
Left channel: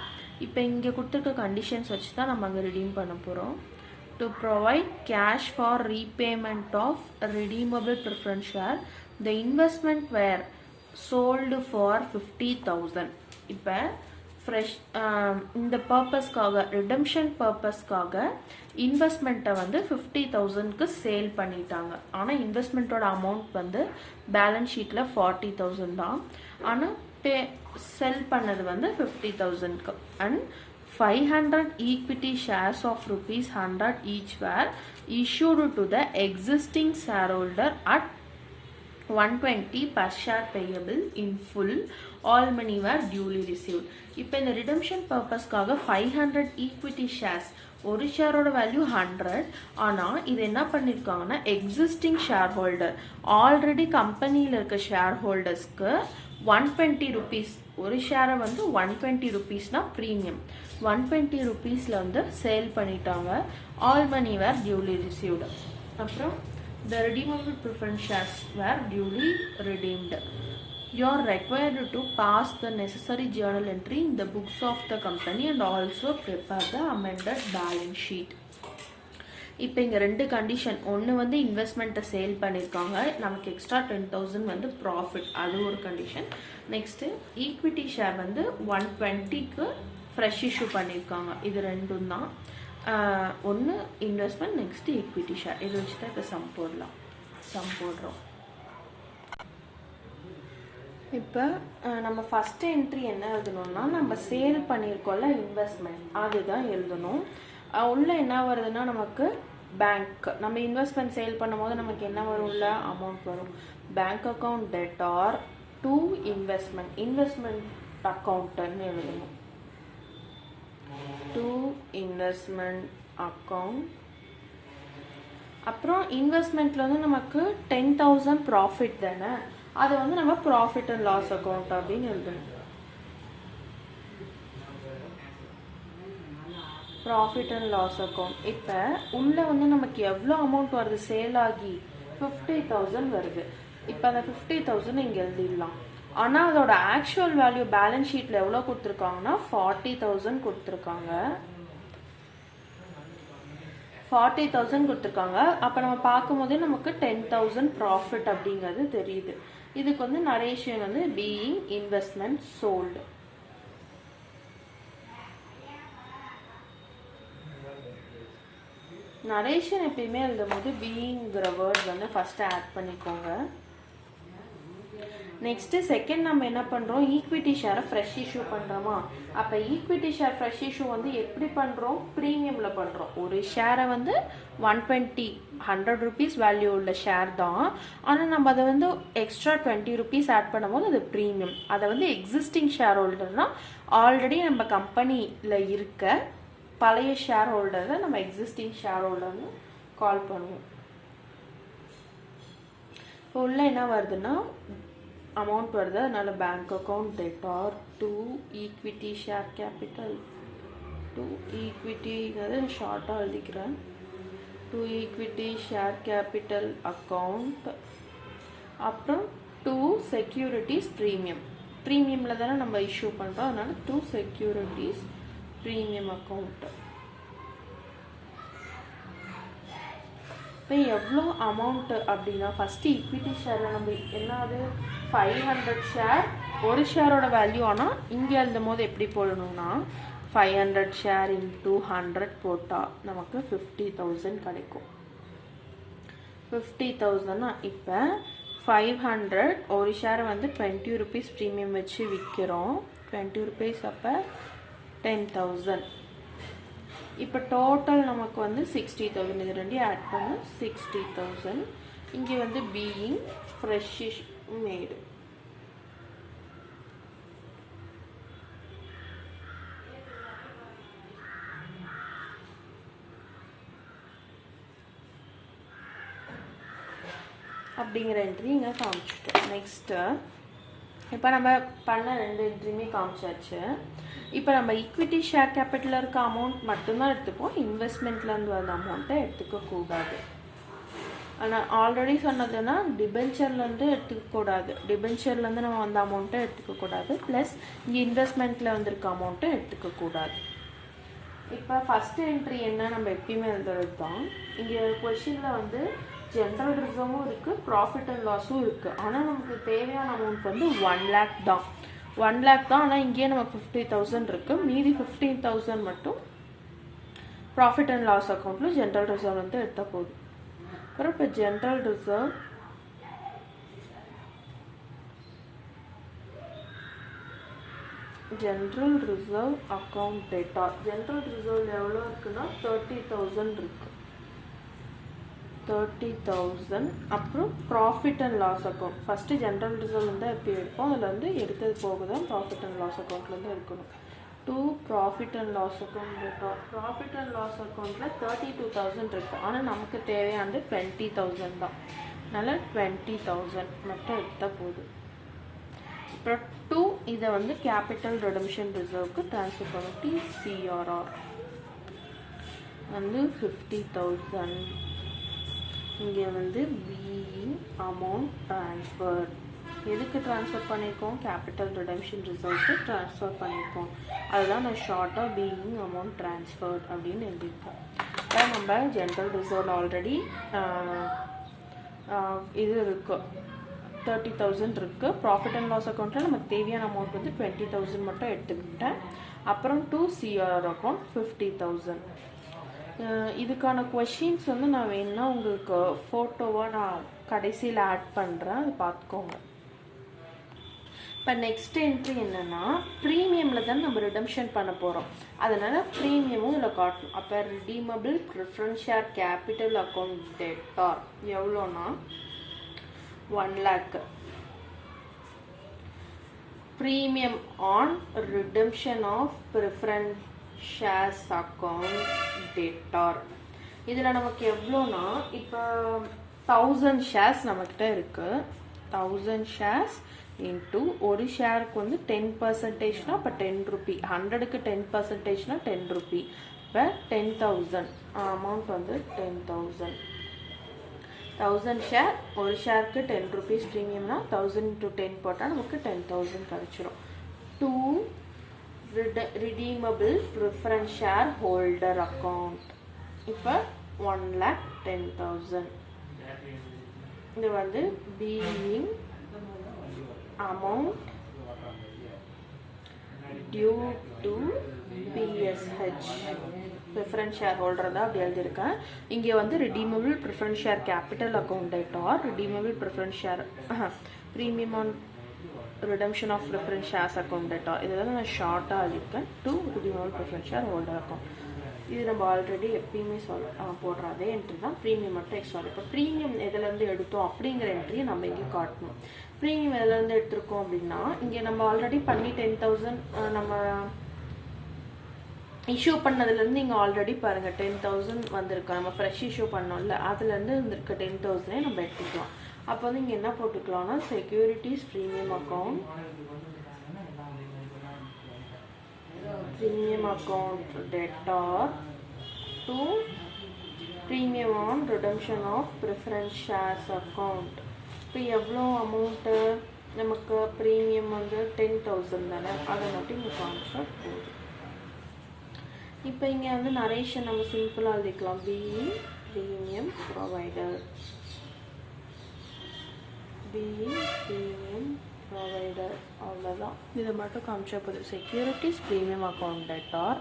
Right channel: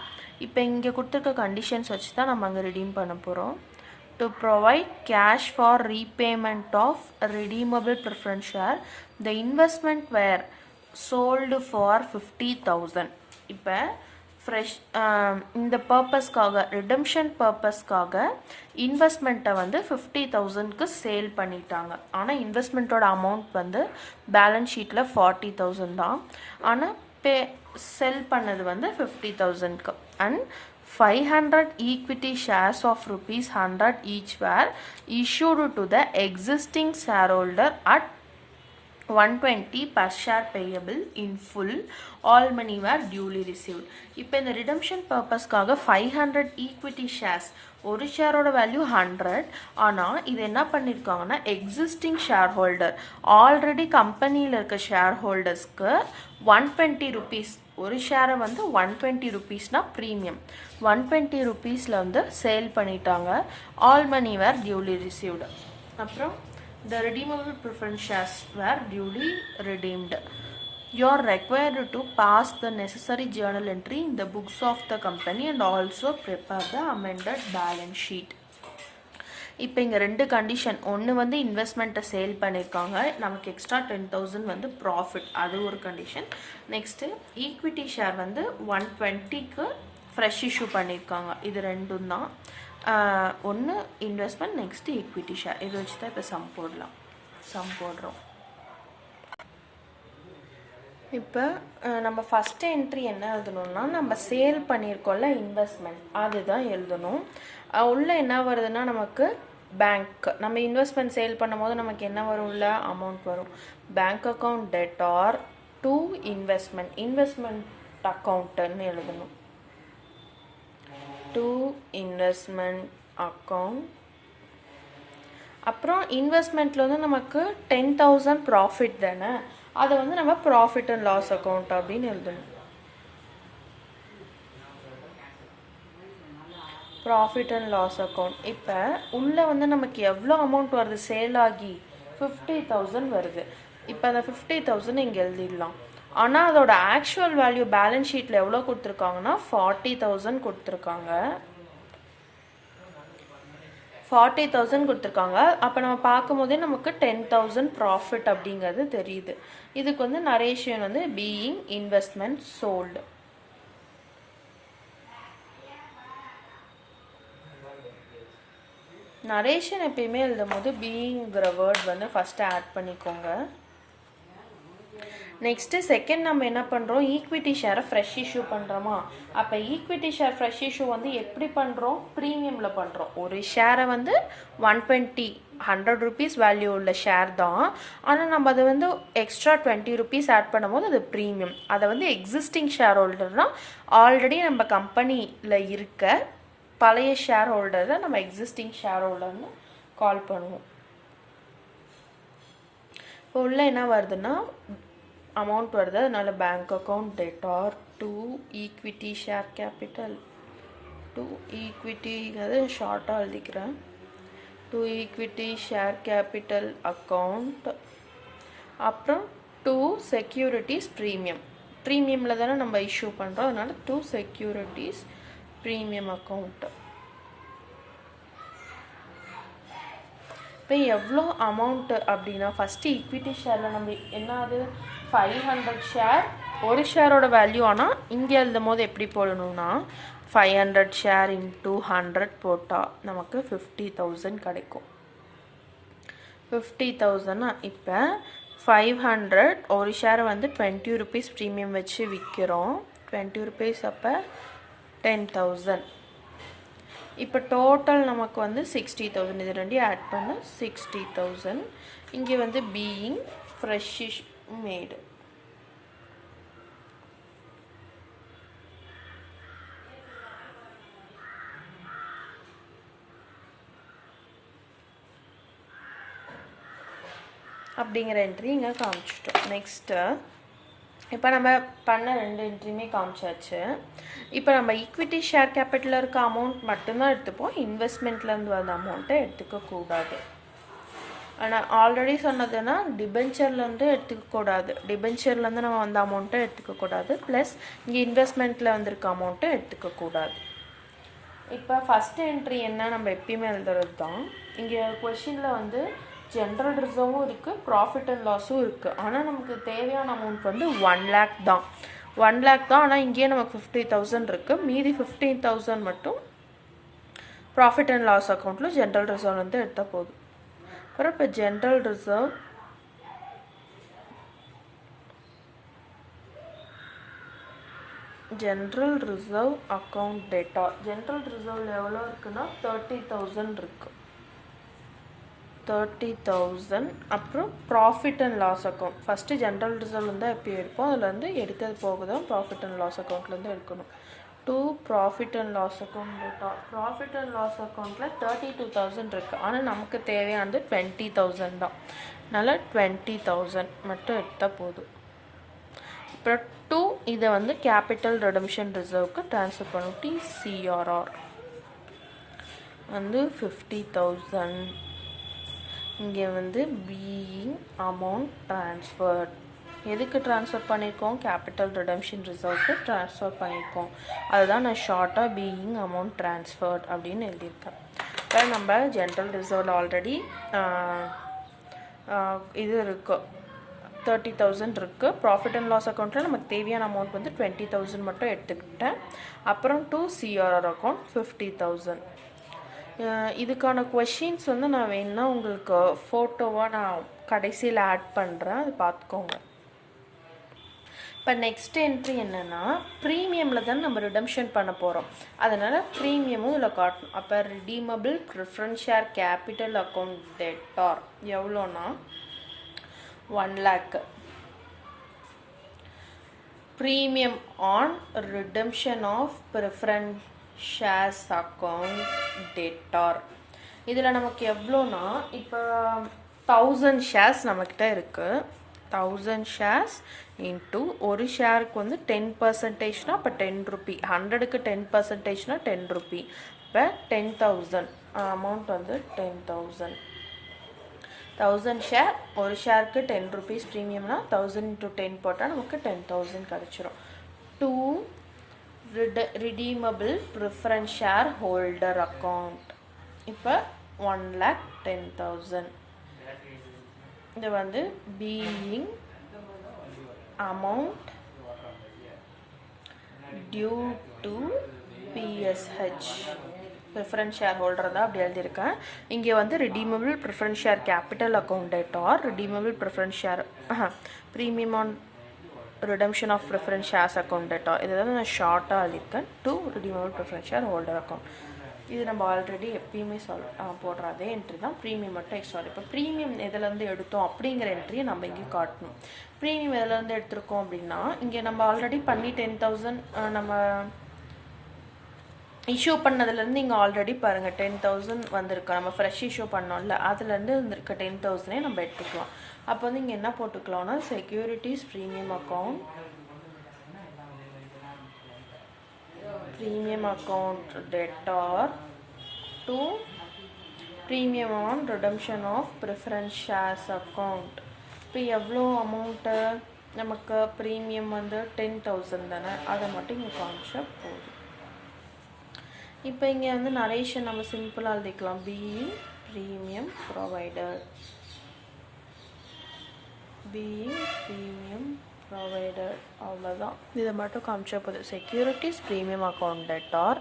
இப்போ இங்கே கொடுத்துருக்க கண்டிஷன்ஸ் வச்சு தான் நம்ம அங்கே ரிடீம் பண்ண போகிறோம். to provide cash for repayment of redeemable preference share, the investment were sold for 50,000. இப்போ ஃப்ரெஷ் இந்த பர்பஸ்க்காக ரிடம்ஷன் பர்பஸ்க்காக இன்வெஸ்ட்மெண்ட்டை வந்து 50,000க்கு சேல் பண்ணிட்டாங்க. ஆனால் இன்வெஸ்ட்மெண்ட்டோட அமௌண்ட் வந்து பேலன்ஸ் ஷீட்டில் 40,000 தான். ஆனால் செல் பண்ணது வந்து 50,000க்கு. And 500 equity shares of ₹100 each were issued to the existing shareholder at 120 per share payable in full. All money were duly received. இப்போ இந்த ரிடம்ஷன் பர்பஸ்க்காக 500 ஈக்விட்டி ஷேர்ஸ், ஒரு ஷேரோட வேல்யூ 100. ஆனால் இது என்ன பண்ணியிருக்காங்கன்னா, எக்ஸிஸ்டிங் ஷேர் ஹோல்டர் ஆல்ரெடி கம்பெனியில் இருக்க ஷேர் ஹோல்டர்ஸ்க்கு 120 rupees, ஒரு ஷேரை வந்து 120 rupeesனா ப்ரீமியம் 120 rupeesல வந்து சேல் பண்ணிட்டாங்க. ஆல் மணி வேர் டியூலி ரிசீவ்டு. அப்புறம் the redeemable preference shares were duly redeemed. You are required to pass the necessary journal entry in the books of the company and also prepare the amended balance sheet. இப்போ இங்கே 2 கண்டிஷன். ஒன்று வந்து இன்வெஸ்ட்மெண்ட்டை சேல் பண்ணியிருக்காங்க, நமக்கு எக்ஸ்ட்ரா 10,000 வந்து ப்ராஃபிட், அது ஒரு கண்டிஷன். நெக்ஸ்ட்டு ஈக்விட்டி ஷேர் வந்து 120க்கு ஃப்ரெஷ் இஷ்யூ பண்ணியிருக்காங்க. இது ரெண்டும் தான். ஒன்று இன்வெஸ்ட்மெண்ட், நெக்ஸ்ட்டு ஈக்விட்டி ஷேர். இது வச்சு தான் இப்போ சம் போடுறோம். இப்போ நம்ம ஃபஸ்ட்டு என்ட்ரி என்ன எழுதணும்னா, நம்ம சேல் பண்ணியிருக்கோம்ல இன்வெஸ்ட்மெண்ட், அதுதான் எழுதணும். உள்ளே என்ன வருதுன்னா, நமக்கு பேங்க், நம்ம இன்வெஸ்ட்மெண்ட் சேல் பண்ணும்போது நமக்கு என்ன வரும்ல அமௌண்ட் வரும். Bank account debtor to investment அக்கௌண்ட்டுன்னு எழுதணும். To investment account. அப்புறம் இன்வெஸ்ட்மெண்ட்டில் வந்து நமக்கு 10,000 ப்ராஃபிட் தானே, அதை வந்து நம்ம ப்ராஃபிட் அண்ட் லாஸ் அக்கௌண்ட் அப்படின்னு எழுதணும். Profit and loss account. இப்போ உள்ளே வந்து நமக்கு எவ்வளோ அமௌண்ட் வருது, சேல் ஆகி 50,000 வருது. இப்போ அந்த 50,000 இங்கே எழுதிடலாம். ஆனால் அதோட ஆக்சுவல் வேல்யூ பேலன்ஸ் ஷீட்டில் எவ்வளோ கொடுத்துருக்காங்கன்னா 40,000 கொடுத்துருக்காங்க. 40,000 கொடுத்துருக்காங்க. அப்போ நம்ம பார்க்கும்போதே நமக்கு 10,000 ப்ராஃபிட் அப்படிங்கிறது தெரியுது. இதுக்கு வந்து நரேஷன் வந்து பீயிங் இன்வெஸ்ட்மெண்ட் சோல்டு. நரேஷன் எப்பயுமே எழுதும்போது பீயிங்கிற வேர்ட் வந்து ஃபஸ்ட்டு ஆட் பண்ணிக்கோங்க. நெக்ஸ்ட்டு செகண்ட் நம்ம என்ன பண்ணுறோம், ஈக்விட்டி ஷேரை ஃப்ரெஷ் இஷ்யூ பண்ணுறோமா. அப்போ ஈக்விட்டி ஷேர் ஃப்ரெஷ் இஷ்யூ வந்து எப்படி பண்ணுறோம், ப்ரீமியமில் பண்ணுறோம். ஒரு ஷேரை வந்து 100 rupees வேல்யூ உள்ள ஷேர் தான். ஆனால் நம்ம அதை வந்து எக்ஸ்ட்ரா 20 rupees ஆட் பண்ணும்போது அது ப்ரீமியம். அதை வந்து எக்ஸிஸ்டிங் ஷேர் ஹோல்டர்னால் ஆல்ரெடி நம்ம கம்பெனியில் இருக்க பழைய ஷேர் ஹோல்டரை நம்ம எக்ஸிஸ்டிங் ஷேர் ஹோல்டர்னு கால் பண்ணுவோம். இப்போ உள்ள என்ன வருதுன்னா அமௌண்ட் வருது, அதனால bank account debtor to equity share capital to ஈக்விட்டிங்கிறது ஷார்ட்டாக எழுதிக்கிறேன். To equity share capital account. அப்புறம் டு செக்யூரிட்டிஸ் ப்ரீமியம். ப்ரீமியமில் தானே நம்ம இஷ்யூ பண்ணுறோம், அதனால டு செக்யூரிட்டிஸ் ப்ரீமியம் அக்கௌண்ட். இப்போ எவ்வளோ அமௌண்ட்டு அப்படின்னா ஃபஸ்ட்டு ஈக்விட்டி ஷேரில் நம்ம என்னது 500 ஷேர், ஒரு ஷேரோட வேல்யூ. ஆனால் இங்கே எழுதும் போது எப்படி போடணும்னா 500 ஷேர் இன்ட்டு 100 போட்டால் நமக்கு 50,000 கிடைக்கும். 50,000 இப்போ 500 ஒரு ஷேரை வந்து 20 rupees ப்ரீமியம் வச்சு விற்கிறோம். 20 rupees அப்போ 10,000. இப்போ டோட்டல் நமக்கு வந்து 60,000. இது ரெண்டையும் ஆட் பண்ண 60,000. இங்கே வந்து பீயிங் ஃப்ரெஷ் மேடு. அப்படிங்கிற என்ட்ரி இங்கே காமிச்சிட்டோம். நெக்ஸ்ட்டு இப்போ நம்ம பண்ண 2 என்ட்ரியுமே காமிச்சாச்சு. இப்போ நம்ம ஈக்விட்டி ஷேர் கேபிட்டலில் இருக்க அமௌண்ட் மட்டும்தான் எடுத்துப்போம், இன்வெஸ்ட்மெண்ட்லேருந்து வந்த அமௌண்ட்டை எடுத்துக்கக்கூடாது. ஆனால் ஆல்ரெடி சொன்னதுன்னா டிபென்ச்சர்லேருந்து எடுத்துக்கக்கூடாது, டிபென்ச்சர்லேருந்து நம்ம வந்த அமௌண்ட்டை எடுத்துக்கக்கூடாது, ப்ளஸ் இங்கே இன்வெஸ்ட்மெண்ட்டில் வந்திருக்க அமௌண்ட்டை எடுத்துக்கக்கூடாது. இப்போ ஃபஸ்ட்டு என்ட்ரி என்ன நம்ம எப்பயுமே எழுதுறது தான். இங்கே கொஷினில் வந்து ஜென்ரல் ரிசர்வும் இருக்குது, ப்ராஃபிட் அண்ட் லாஸும் இருக்குது. ஆனால் நமக்கு தேவையான அமௌண்ட் வந்து 1 lakh தான். 1 lakh தான். ஆனால் இங்கேயே நமக்கு 50,000 இருக்குது. மீதி 15,000 மட்டும் ப்ராஃபிட் அண்ட் லாஸ் அக்கௌண்ட்டில் ஜென்ரல் ரிசர்வ் வந்து எடுத்தால் போதும். அப்புறம் இப்போ ஜென்ரல் ரிசர்வ் அக்கௌண்ட் டேட்டா. ஜென்ரல் ரிசர்வ் எவ்வளோ இருக்குன்னா 30,000 இருக்குது. 30,000. அப்புறம் profit and loss account first general reserve தான் எப்படி இருக்கும், அதில் வந்து எடுக்கிறது போக தான் ப்ராஃபிட் அண்ட் லாஸ் அக்கௌண்ட்லேருந்து எடுக்கணும். To profit and loss account இருக்கும். ப்ராஃபிட் அண்ட் லாஸ் அக்கௌண்ட்டில் 32,000 இருக்குது. ஆனால் நமக்கு தேவையானது 20,000 தான். அதனால் 20,000 மட்டும் எடுத்தால் போதும். அப்புறம் டு இதை வந்து கேபிட்டல் ரெடம்ஷன் ரிசர்வுக்கு ட்ரான்ஸ்ஃபர் பண்ணும். TCRR வந்து 50,000. இங்கே வந்து பீயிங் அமௌண்ட் ட்ரான்ஸ்ஃபர்ட். எதுக்கு ட்ரான்ஸ்ஃபர் பண்ணியிருக்கோம், கேபிட்டல் ரிடம்ஷன் ரிசர்வுக்கு ட்ரான்ஸ்ஃபர் பண்ணியிருக்கோம். அதுதான் நான் ஷார்ட்டாக பீயிங் அமௌண்ட் ட்ரான்ஸ்ஃபர்ட் அப்படின்னு எழுதியிருக்கேன். இப்போ நம்ம ஜென்ரல் ரிசர்வில் ஆல்ரெடி இது இருக்குது, 30,000 இருக்குது. ப்ராஃபிட் அண்ட் லாஸ் அக்கௌண்ட்டில் நமக்கு தேவையான அமௌண்ட் வந்து 20,000 மட்டும் எடுத்துக்கிட்டேன். அப்புறம் டு CRR அக்கௌண்ட் 50,000. இதுக்கான கொஷின்ஸ் வந்து நான் வேணுன்னா உங்களுக்கு ஃபோட்டோவாக நான் கடைசியில் ஆட் பண்ணுறேன், அது பார்த்துக்கோங்க. இப்போ நெக்ஸ்ட் என்ட்ரி என்னென்னா ப்ரீமியமில் தான் நம்ம ரிடம்ஷன் பண்ண போகிறோம், அதனால் ப்ரீமியமும் இதில் காட்டணும். அப்போ redeemable preference share capital account debtor எவ்வளோனா 1 lakh. Premium on redemption of preference shares account debtor. இதில் நமக்கு எவ்வளோனா இப்போ 1000 ஷேர்ஸ் நம்மக்கிட்ட இருக்குது. 1000 ஷேர்ஸ் இன்ட்டு ஒரு ஷேருக்கு வந்து 10%னா இப்போ 10 rupee, 100க்கு 10%னா 10 rupee. இப்போ 10,000 அமௌண்ட் வந்து 10,000. 1000 ஷேர், ஒரு ஷேருக்கு 10 rupees ப்ரீமியம்னா 1000 into 10 போட்டால் நமக்கு 10,000 கிடச்சிரும். To redeemable preference share holder account. இப்போ 1,10,000. இது வந்து being amount due to PSH. Preference share holder தான் அப்படி எழுதியிருக்கேன். இங்கே வந்து redeemable preference share capital account debtor redeemable preference share premium on redemption of preference shares account debtor. இதில் நான் ஷார்ட்டாக எழுதியிருக்கேன் to redeemable preference share holder account. இது நம்ம ஆல்ரெடி எப்பயுமே போடுற அதே என்ட்ரி தான். ப்ரீமியம் மட்டும் எக்ஸ்ட்ரா. இப்போ ப்ரீமியம் எதுலேருந்து எடுத்தோம் அப்படிங்கிற என்ட்ரியை நம்ம இங்கே காட்டணும். ப்ரீமியம் எதுலேருந்து எடுத்திருக்கோம் அப்படின்னா இங்கே நம்ம ஆல்ரெடி பண்ணி 10,000 நம்ம இஷ்யூ பண்ணதுலேருந்து இங்கே ஆல்ரெடி பாருங்கள் 10,000 வந்திருக்கு. நம்ம ஃப்ரெஷ் இஷ்யூ பண்ணோம்ல அதுலேருந்து இருந்திருக்க 10,000 நம்ம எடுத்துக்கலாம். அப்போ வந்து இங்கே என்ன போட்டுக்கலாம்னா securities premium account debtor to premium on redemption of preference shares account. இப்போ எவ்வளோ அமௌண்ட்டு நமக்கு ப்ரீமியம் வந்து 10,000 தானே, அதை மட்டும் இங்கே காமிச்சா போதும். இப்போ இங்கே வந்து நரேஷன் நம்ம சிம்பிளாக எழுதிக்கலாம். Being premium provider, being premium provider, அவ்வளோதான். இதை மட்டும் காமிச்சா போதும். செக்யூரிட்டிஸ் ப்ரீமியம் அக்கௌண்ட் டெட்டார்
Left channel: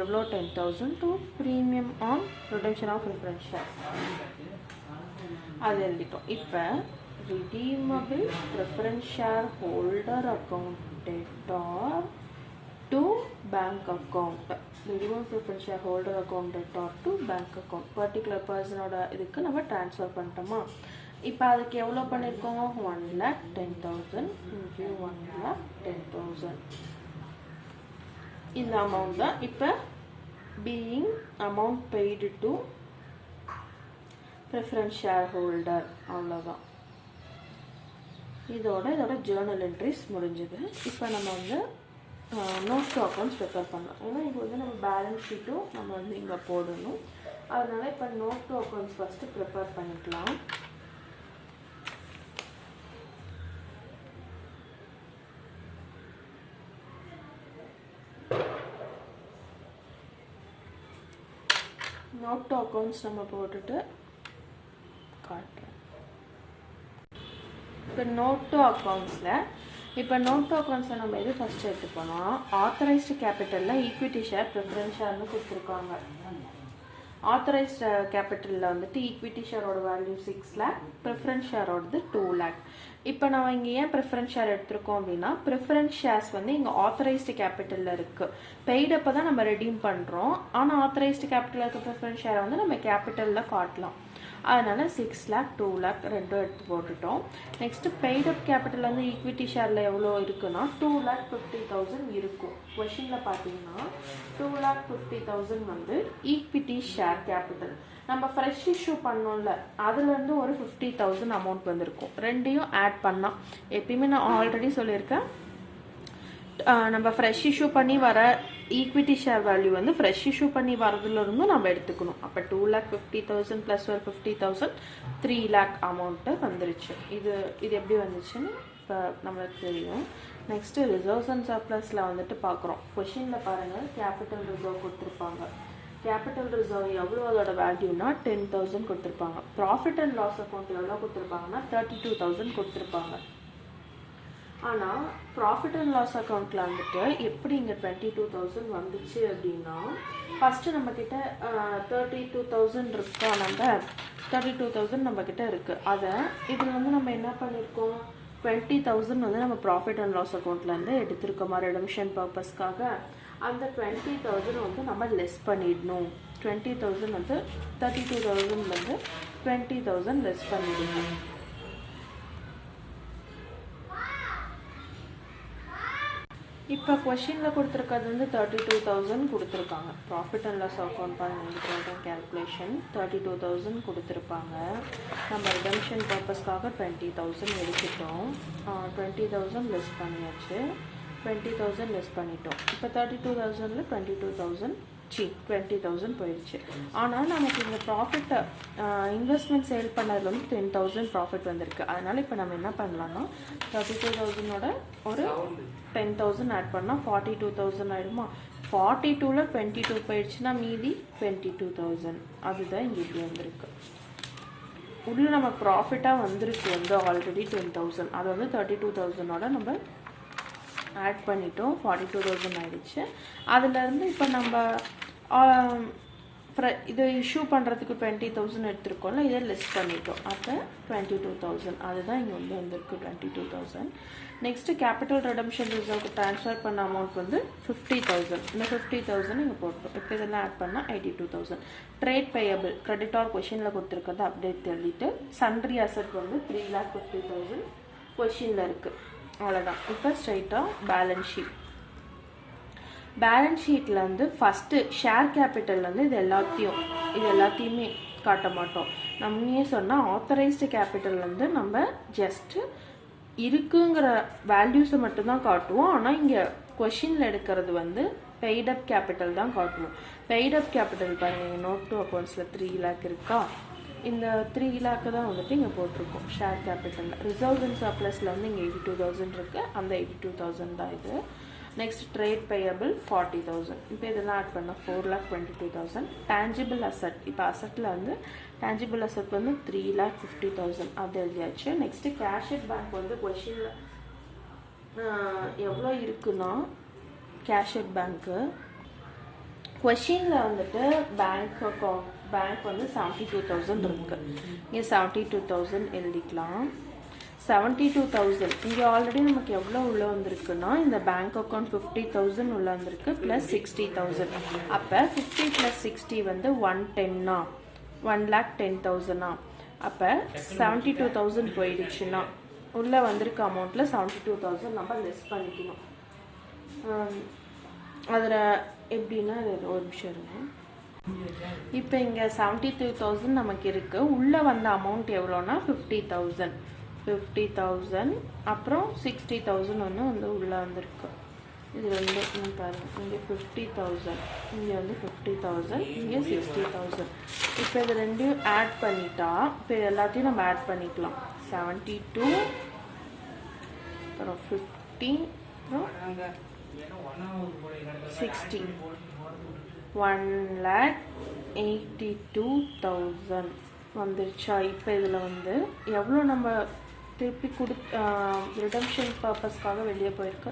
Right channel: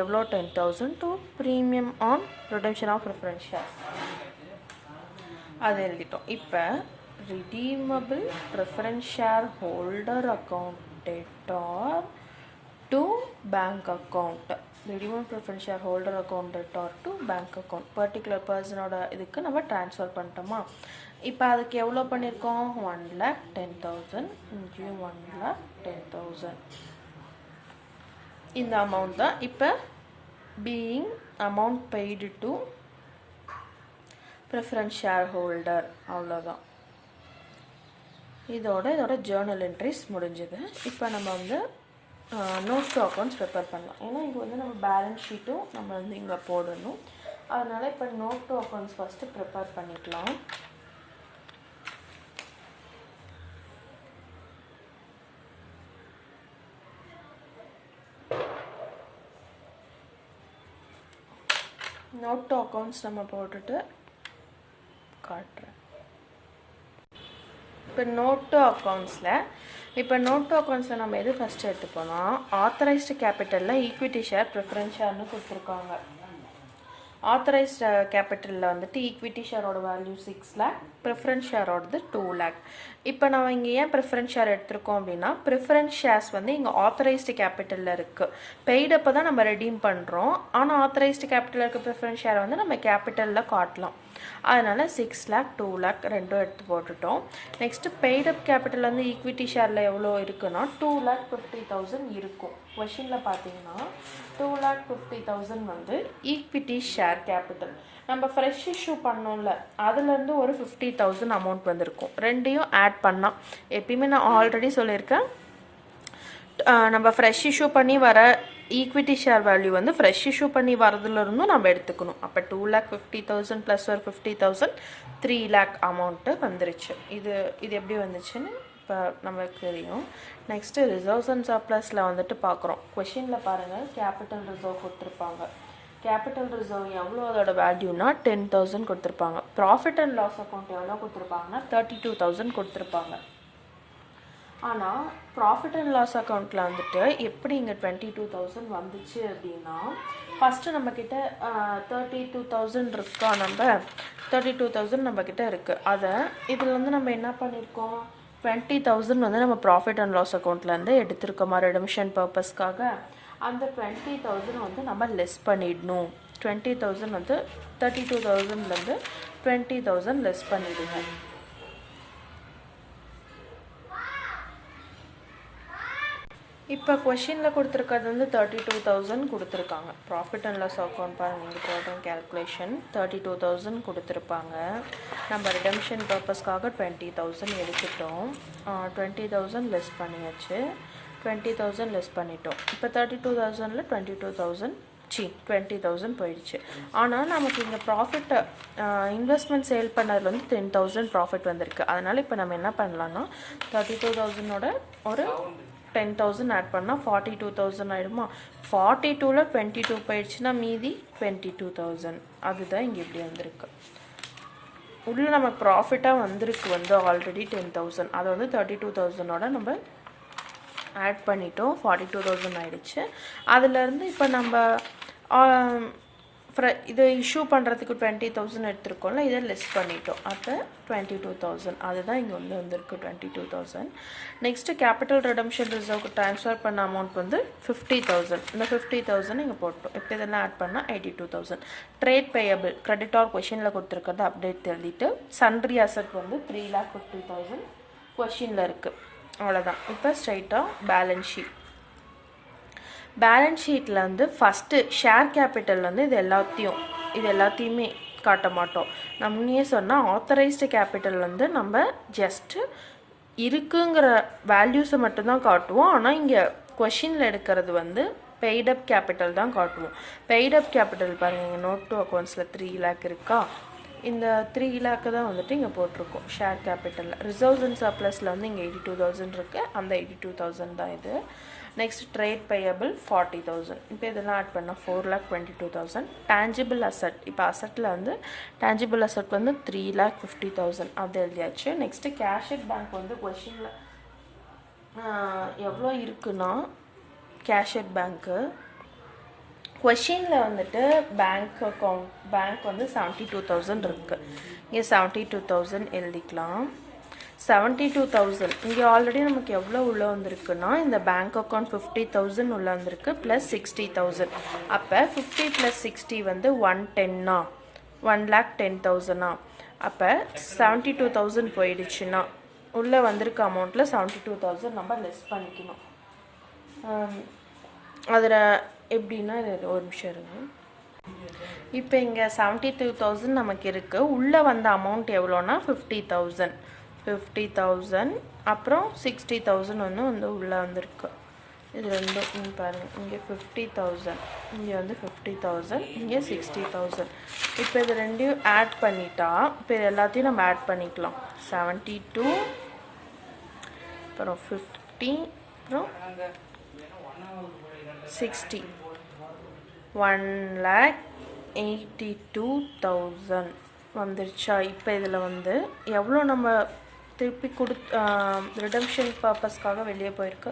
எவ்வளோ 10,000 to premium on redemption of preference shares அது எழுதிட்டோம். இப்போ redeemable preference share holder account debtor to bank account, redeemable preference share holder account debtor to bank account particular பர்சனோட இதுக்கு நம்ம ட்ரான்ஸ்ஃபர் பண்ணிட்டோமா. இப்போ அதுக்கு எவ்வளோ பண்ணியிருக்கோம் 1,10,000 இன்ட்டு 1,10,000 இந்த அமௌண்ட் தான். இப்போ being amount paid to preference share holder, அவ்வளோதான். இதோட ஜேர்னல் என்ட்ரிஸ் முடிஞ்சது. இப்போ நம்ம வந்து நோட் டு அக்கௌண்ட்ஸ் ப்ரிப்பேர் பண்ணலாம். ஏன்னா இது வந்து நம்ம பேலன்ஸ் ஷீட்டும் நம்ம வந்து இங்கே போடணும். அதனால் இப்போ note to accounts first prepare பண்ணிக்கலாம். நோட் டு அக்கௌண்ட்ஸ் நம்ம போட்டுட்டு காட்டுறேன். இப்போ நோட் டு அக்கௌண்ட்ஸில் நம்ம எது ஃபஸ்ட்டு எடுத்துப்போனா ஆத்தரைஸ்டு கேபிட்டலில் ஈக்விட்டி ஷேர் ப்ரிஃபரன்ஸ் ஷேர்னு கொடுத்துருக்காங்க. ஆத்தரைஸ்டு கேபிட்டலில் வந்துட்டு ஈக்விட்டி ஷேரோட வேல்யூ 6 lakh, ப்ரிஃபரன்ஸ் ஷேரோடது 2 lakh. இப்போ நம்ம இங்கே ஏன் ப்ரிஃபரன்ஸ் ஷேர் எடுத்திருக்கோம் அப்படின்னா ப்ரிஃபரன்ஸ் ஷேர்ஸ் வந்து இங்கே ஆத்தரைஸ்டு கேபிட்டலில் இருக்குது. பெய்டப்போ தான் நம்ம ரெடீம் பண்ணுறோம். ஆனால் ஆத்தரைஸ்டு கேபிட்டலில் இருக்க ப்ரிஃபரன்ஸ் ஷேரை வந்து நம்ம கேபிட்டலில் காட்டலாம். அதனால் 6 lakh 2 lakh ரெண்டும் எடுத்து போட்டுட்டோம். நெக்ஸ்ட்டு பெய்டப் கேபிட்டல் வந்து ஈக்விட்டி ஷேரில் எவ்வளோ இருக்குன்னா 2,50,000 இருக்கும். கொஷினில் பார்த்தீங்கன்னா 2,50,000 வந்து ஈக்விட்டி ஷேர் கேபிட்டல். நம்ம ஃப்ரெஷ் இஷ்யூ பண்ணோம்ல அதுலேருந்து ஒரு 50,000 அமௌண்ட் வந்திருக்கும். ரெண்டையும் ஆட் பண்ணால் எப்பயுமே நான் ஆல்ரெடி சொல்லியிருக்கேன், நம்ம ஃப்ரெஷ் இஷ்யூ பண்ணி வர ஈக்விட்டி ஷேர் வேல்யூ வந்து ஃப்ரெஷ் இஷ்யூ பண்ணி வரதுலேருந்தும் நம்ம எடுத்துக்கணும். அப்போ 2,50,000 ப்ளஸ் ஒரு 50,000 3 lakh அமௌண்ட்டு வந்துருச்சு. இது எப்படி வந்துச்சுன்னு இப்போ நம்மளுக்கு தெரியும். நெக்ஸ்ட்டு ரிசர்வ்ஸ் அண்ட் சர்ப்ளஸில் வந்துட்டு பார்க்குறோம். கொஷினில் பாருங்கள் கேபிட்டல் ரிசர்வ் கொடுத்துருப்பாங்க. கேபிட்டல் ரிசர்வ் எவ்வளோ அதோட வேல்யூனா 10,000 கொடுத்துருப்பாங்க. ப்ராஃபிட் அண்ட் லாஸ் அக்கௌண்ட் எவ்வளோ கொடுத்துருப்பாங்கன்னா 32,000 கொடுத்துருப்பாங்க. ஆனால் ப்ராஃபிட் அண்ட் லாஸ் அக்கௌண்ட்டில் வந்துட்டு எப்படி இங்கே 22,000 வந்துச்சு அப்படின்னா ஃபஸ்ட்டு நம்மக்கிட்ட 32,000 இருக்கா, நம்ம 32,000 நம்மக்கிட்ட இருக்குது. அதை இதில் வந்து நம்ம என்ன பண்ணியிருக்கோம் 20,000 வந்து நம்ம ப்ராஃபிட் அண்ட் லாஸ் அக்கௌண்ட்லேருந்து எடுத்திருக்கோமா ரெடமிஷன் பர்பஸ்க்காக. அந்த 20,000 வந்து நம்ம லெஸ் பண்ணிடணும். 20,000 வந்து 32,000லேருந்து 20,000 லெஸ் பண்ணிடணும். இப்போ கொஷினில் கொடுத்துருக்கிறது வந்து 32,000 கொடுத்துருக்காங்க. ப்ராஃபிட் அண்ட் லாஸ் அக்கௌண்ட் பாருங்கள் கேல்குலேஷன் 32,000 கொடுத்துருப்பாங்க. நம்ம ரிடம்ஷன் பர்பஸ்க்காக 20,000 எடுத்துட்டோம். 20,000 லெஸ் பண்ணியாச்சு. 20,000 லெஸ் பண்ணிட்டோம். இப்போ 32,000ல் 20,000 போயிடுச்சு. ஆனால் நமக்கு இந்த ப்ராஃபிட் இன்வெஸ்ட்மெண்ட் சேல் பண்ணதில் வந்து 10,000 ப்ராஃபிட் வந்திருக்கு. அதனால் இப்போ நம்ம என்ன பண்ணலாம்னா 32,000ஓட ஒரு 10,000 ஆட் பண்ணால் 42,000 ஆகிடுமா. 42ல் 22 போயிடுச்சுன்னா மீதி 22,000. அதுதான் இங்கே இப்படி வந்திருக்கு. உள்ளே நம்ம ப்ராஃபிட்டாக வந்திருக்கு வந்து ஆல்ரெடி 10,000. அதை வந்து 32,000ஓட நம்ம ஆட் பண்ணிட்டோம். 42,000 ஆகிடுச்சு. அதுலேருந்து இப்போ நம்ம இதை இஷ்யூ பண்ணுறதுக்கு 20,000 எடுத்துருக்கோம்ல, இதை லெஸ் பண்ணிட்டோம். அப்போ 22,000 அதுதான் இங்கே வந்திருக்கு 22,000. நெக்ஸ்ட்டு கேபிட்டல் ரெடம்ஷன் ரிசர்வ்க்கு ட்ரான்ஸ்ஃபர் பண்ண அமௌண்ட் வந்து 50,000. இந்த 50,000 இங்கே போட்டோம். இப்போ இதெல்லாம் ஆட் பண்ணால் 82,000. ட்ரேட் பேயபிள் கிரெடிட்டார் கொஷினில் கொடுத்துருக்கிறத அப்டேட் எழுதிட்டு சன்ட்ரி அசட் வந்து 3,50,000 கொஷினில் இருக்குது. அவ்வளோதான். இப்போ ஸ்ட்ரைட்டாக பேலன்ஸ் ஷீட்டில் வந்து ஃபஸ்ட்டு ஷேர் கேபிட்டல் வந்து இது எல்லாத்தையுமே காட்ட மாட்டோம். நம்ம முன்னே சொன்னால் ஆத்தரைஸ்டு கேபிட்டல் வந்து நம்ம ஜஸ்ட்டு இருக்குங்கிற வேல்யூஸை மட்டும்தான் காட்டுவோம். ஆனால் இங்கே கொஷினில் எடுக்கிறது வந்து பெய்டப் கேபிட்டல் தான் காட்டுவோம். பெய்டப் கேபிட்டல் பாருங்கள், இங்கே நோட் டு அக்கௌண்ட்ஸில் 3 lakh இருக்கா, இந்த 3 lakh தான் வந்துட்டு இங்கே போட்டிருக்கோம் ஷேர் கேபிட்டலில். ரிசர்வ்ஸ் அண்ட் சர்ப்ளஸில் வந்து இங்கே 82,000 இருக்குது, அந்த 82,000 தான் இது. Next trade payable 40,000. இப்போ இதெல்லாம் ஆட் பண்ணால் 4,22,000. டேஞ்சிபிள் அசட், இப்போ அசட்டில் வந்து டேஞ்சிபிள் அசட் வந்து 3,50,000 அது எழுதியாச்சு. நெக்ஸ்ட்டு கேஷட் பேங்க் வந்து கொஷினில் எவ்வளோ இருக்குன்னா, கேஷட் பேங்க்கு கொஷினில் வந்துட்டு பேங்க் வந்து 72,000 இருக்குது. இங்கே 72,000 எழுதிக்கலாம். 72,000 இங்கே ஆல்ரெடி நமக்கு எவ்வளோ உள்ளே வந்திருக்குன்னா, இந்த பேங்க் அக்கௌண்ட் 50,000 உள்ளே வந்திருக்கு ப்ளஸ் 60,000. அப்போ 50 + 60 வந்து 110 1,10,000. அப்போ 72,000 போயிடுச்சுன்னா உள்ளே வந்திருக்க அமௌண்ட்டில் 72,000 நம்ம லெஸ் பண்ணிக்கணும். அதில் எப்படின்னா இது ஒரு நிமிஷம் இருங்க. இப்போ இங்கே 72,000 நமக்கு இருக்குது. உள்ளே வந்த அமௌண்ட் எவ்வளோன்னா 50,000 அப்புறம் 60,000 வந்து உள்ளே வந்திருக்கு. இது ரெண்டு பாருங்கள், இங்கே 50,000, இங்கே வந்து 50,000, இங்கே 60,000. இப்போ இது ரெண்டையும் ஆட் பண்ணிட்டா, இப்போ இது எல்லாத்தையும் நம்ம ஆட் பண்ணிக்கலாம். 72 அப்புறம் 50 அப்புறம் 60 1,82,000 வந்துருச்சா. இப்போ இதில் வந்து எவ்வளோ நம்ம திருப்பி ரிடம்ஷன் பர்பஸ்க்காக வெளியே போயிருக்கு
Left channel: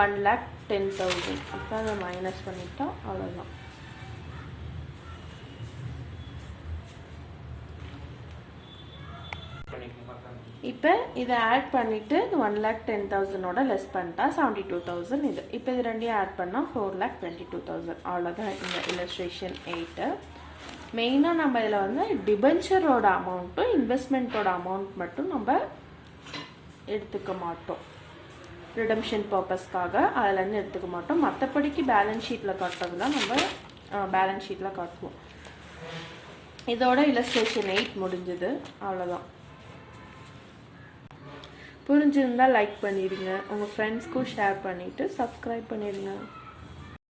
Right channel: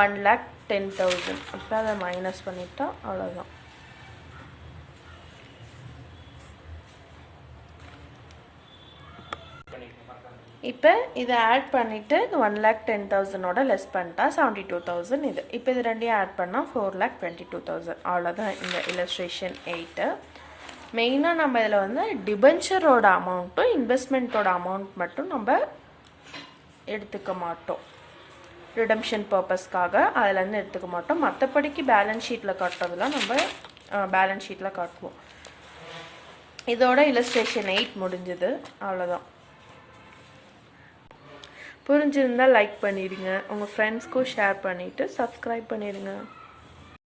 1,10,000. இப்போ அதை மைனஸ் பண்ணிட்டா அவ்வளோதான். இப்போ இதை ஆட் பண்ணிவிட்டு இந்த 1,10,000 லெஸ் பண்ணிட்டா 72,000 இது. இப்போ இது ரெண்டையும் ஆட் பண்ணால் 4,22,000. அவ்வளோதான் இந்த இல்லஸ்ட்ரேஷன் 8. மெயினாக நம்ம இதில் வந்து டிபென்ச்சரோட அமௌண்ட்டும் இன்வெஸ்ட்மெண்ட்டோட அமௌண்ட் மட்டும் நம்ம எடுத்துக்க மாட்டோம். ரிடம்ஷன் பர்பஸ்க்காக அதிலேருந்து எடுத்துக்க மாட்டோம். மற்றபடிக்கு பேலன்ஸ் ஷீட்டில் காட்டுறதுலாம் நம்ம பேலன்ஸ் ஷீட்டில் காட்டுவோம். இதோட இல்லஸ்ட்ரேஷன் 8 முடிஞ்சது. அவ்வளோதான். புரிஞ்சிருந்தால் லைக் பண்ணிடுங்க, உங்கள் ஃப்ரெண்ட்ஸ்க்கும் ஷேர் பண்ணிவிட்டு சப்ஸ்கிரைப் பண்ணிடுங்க.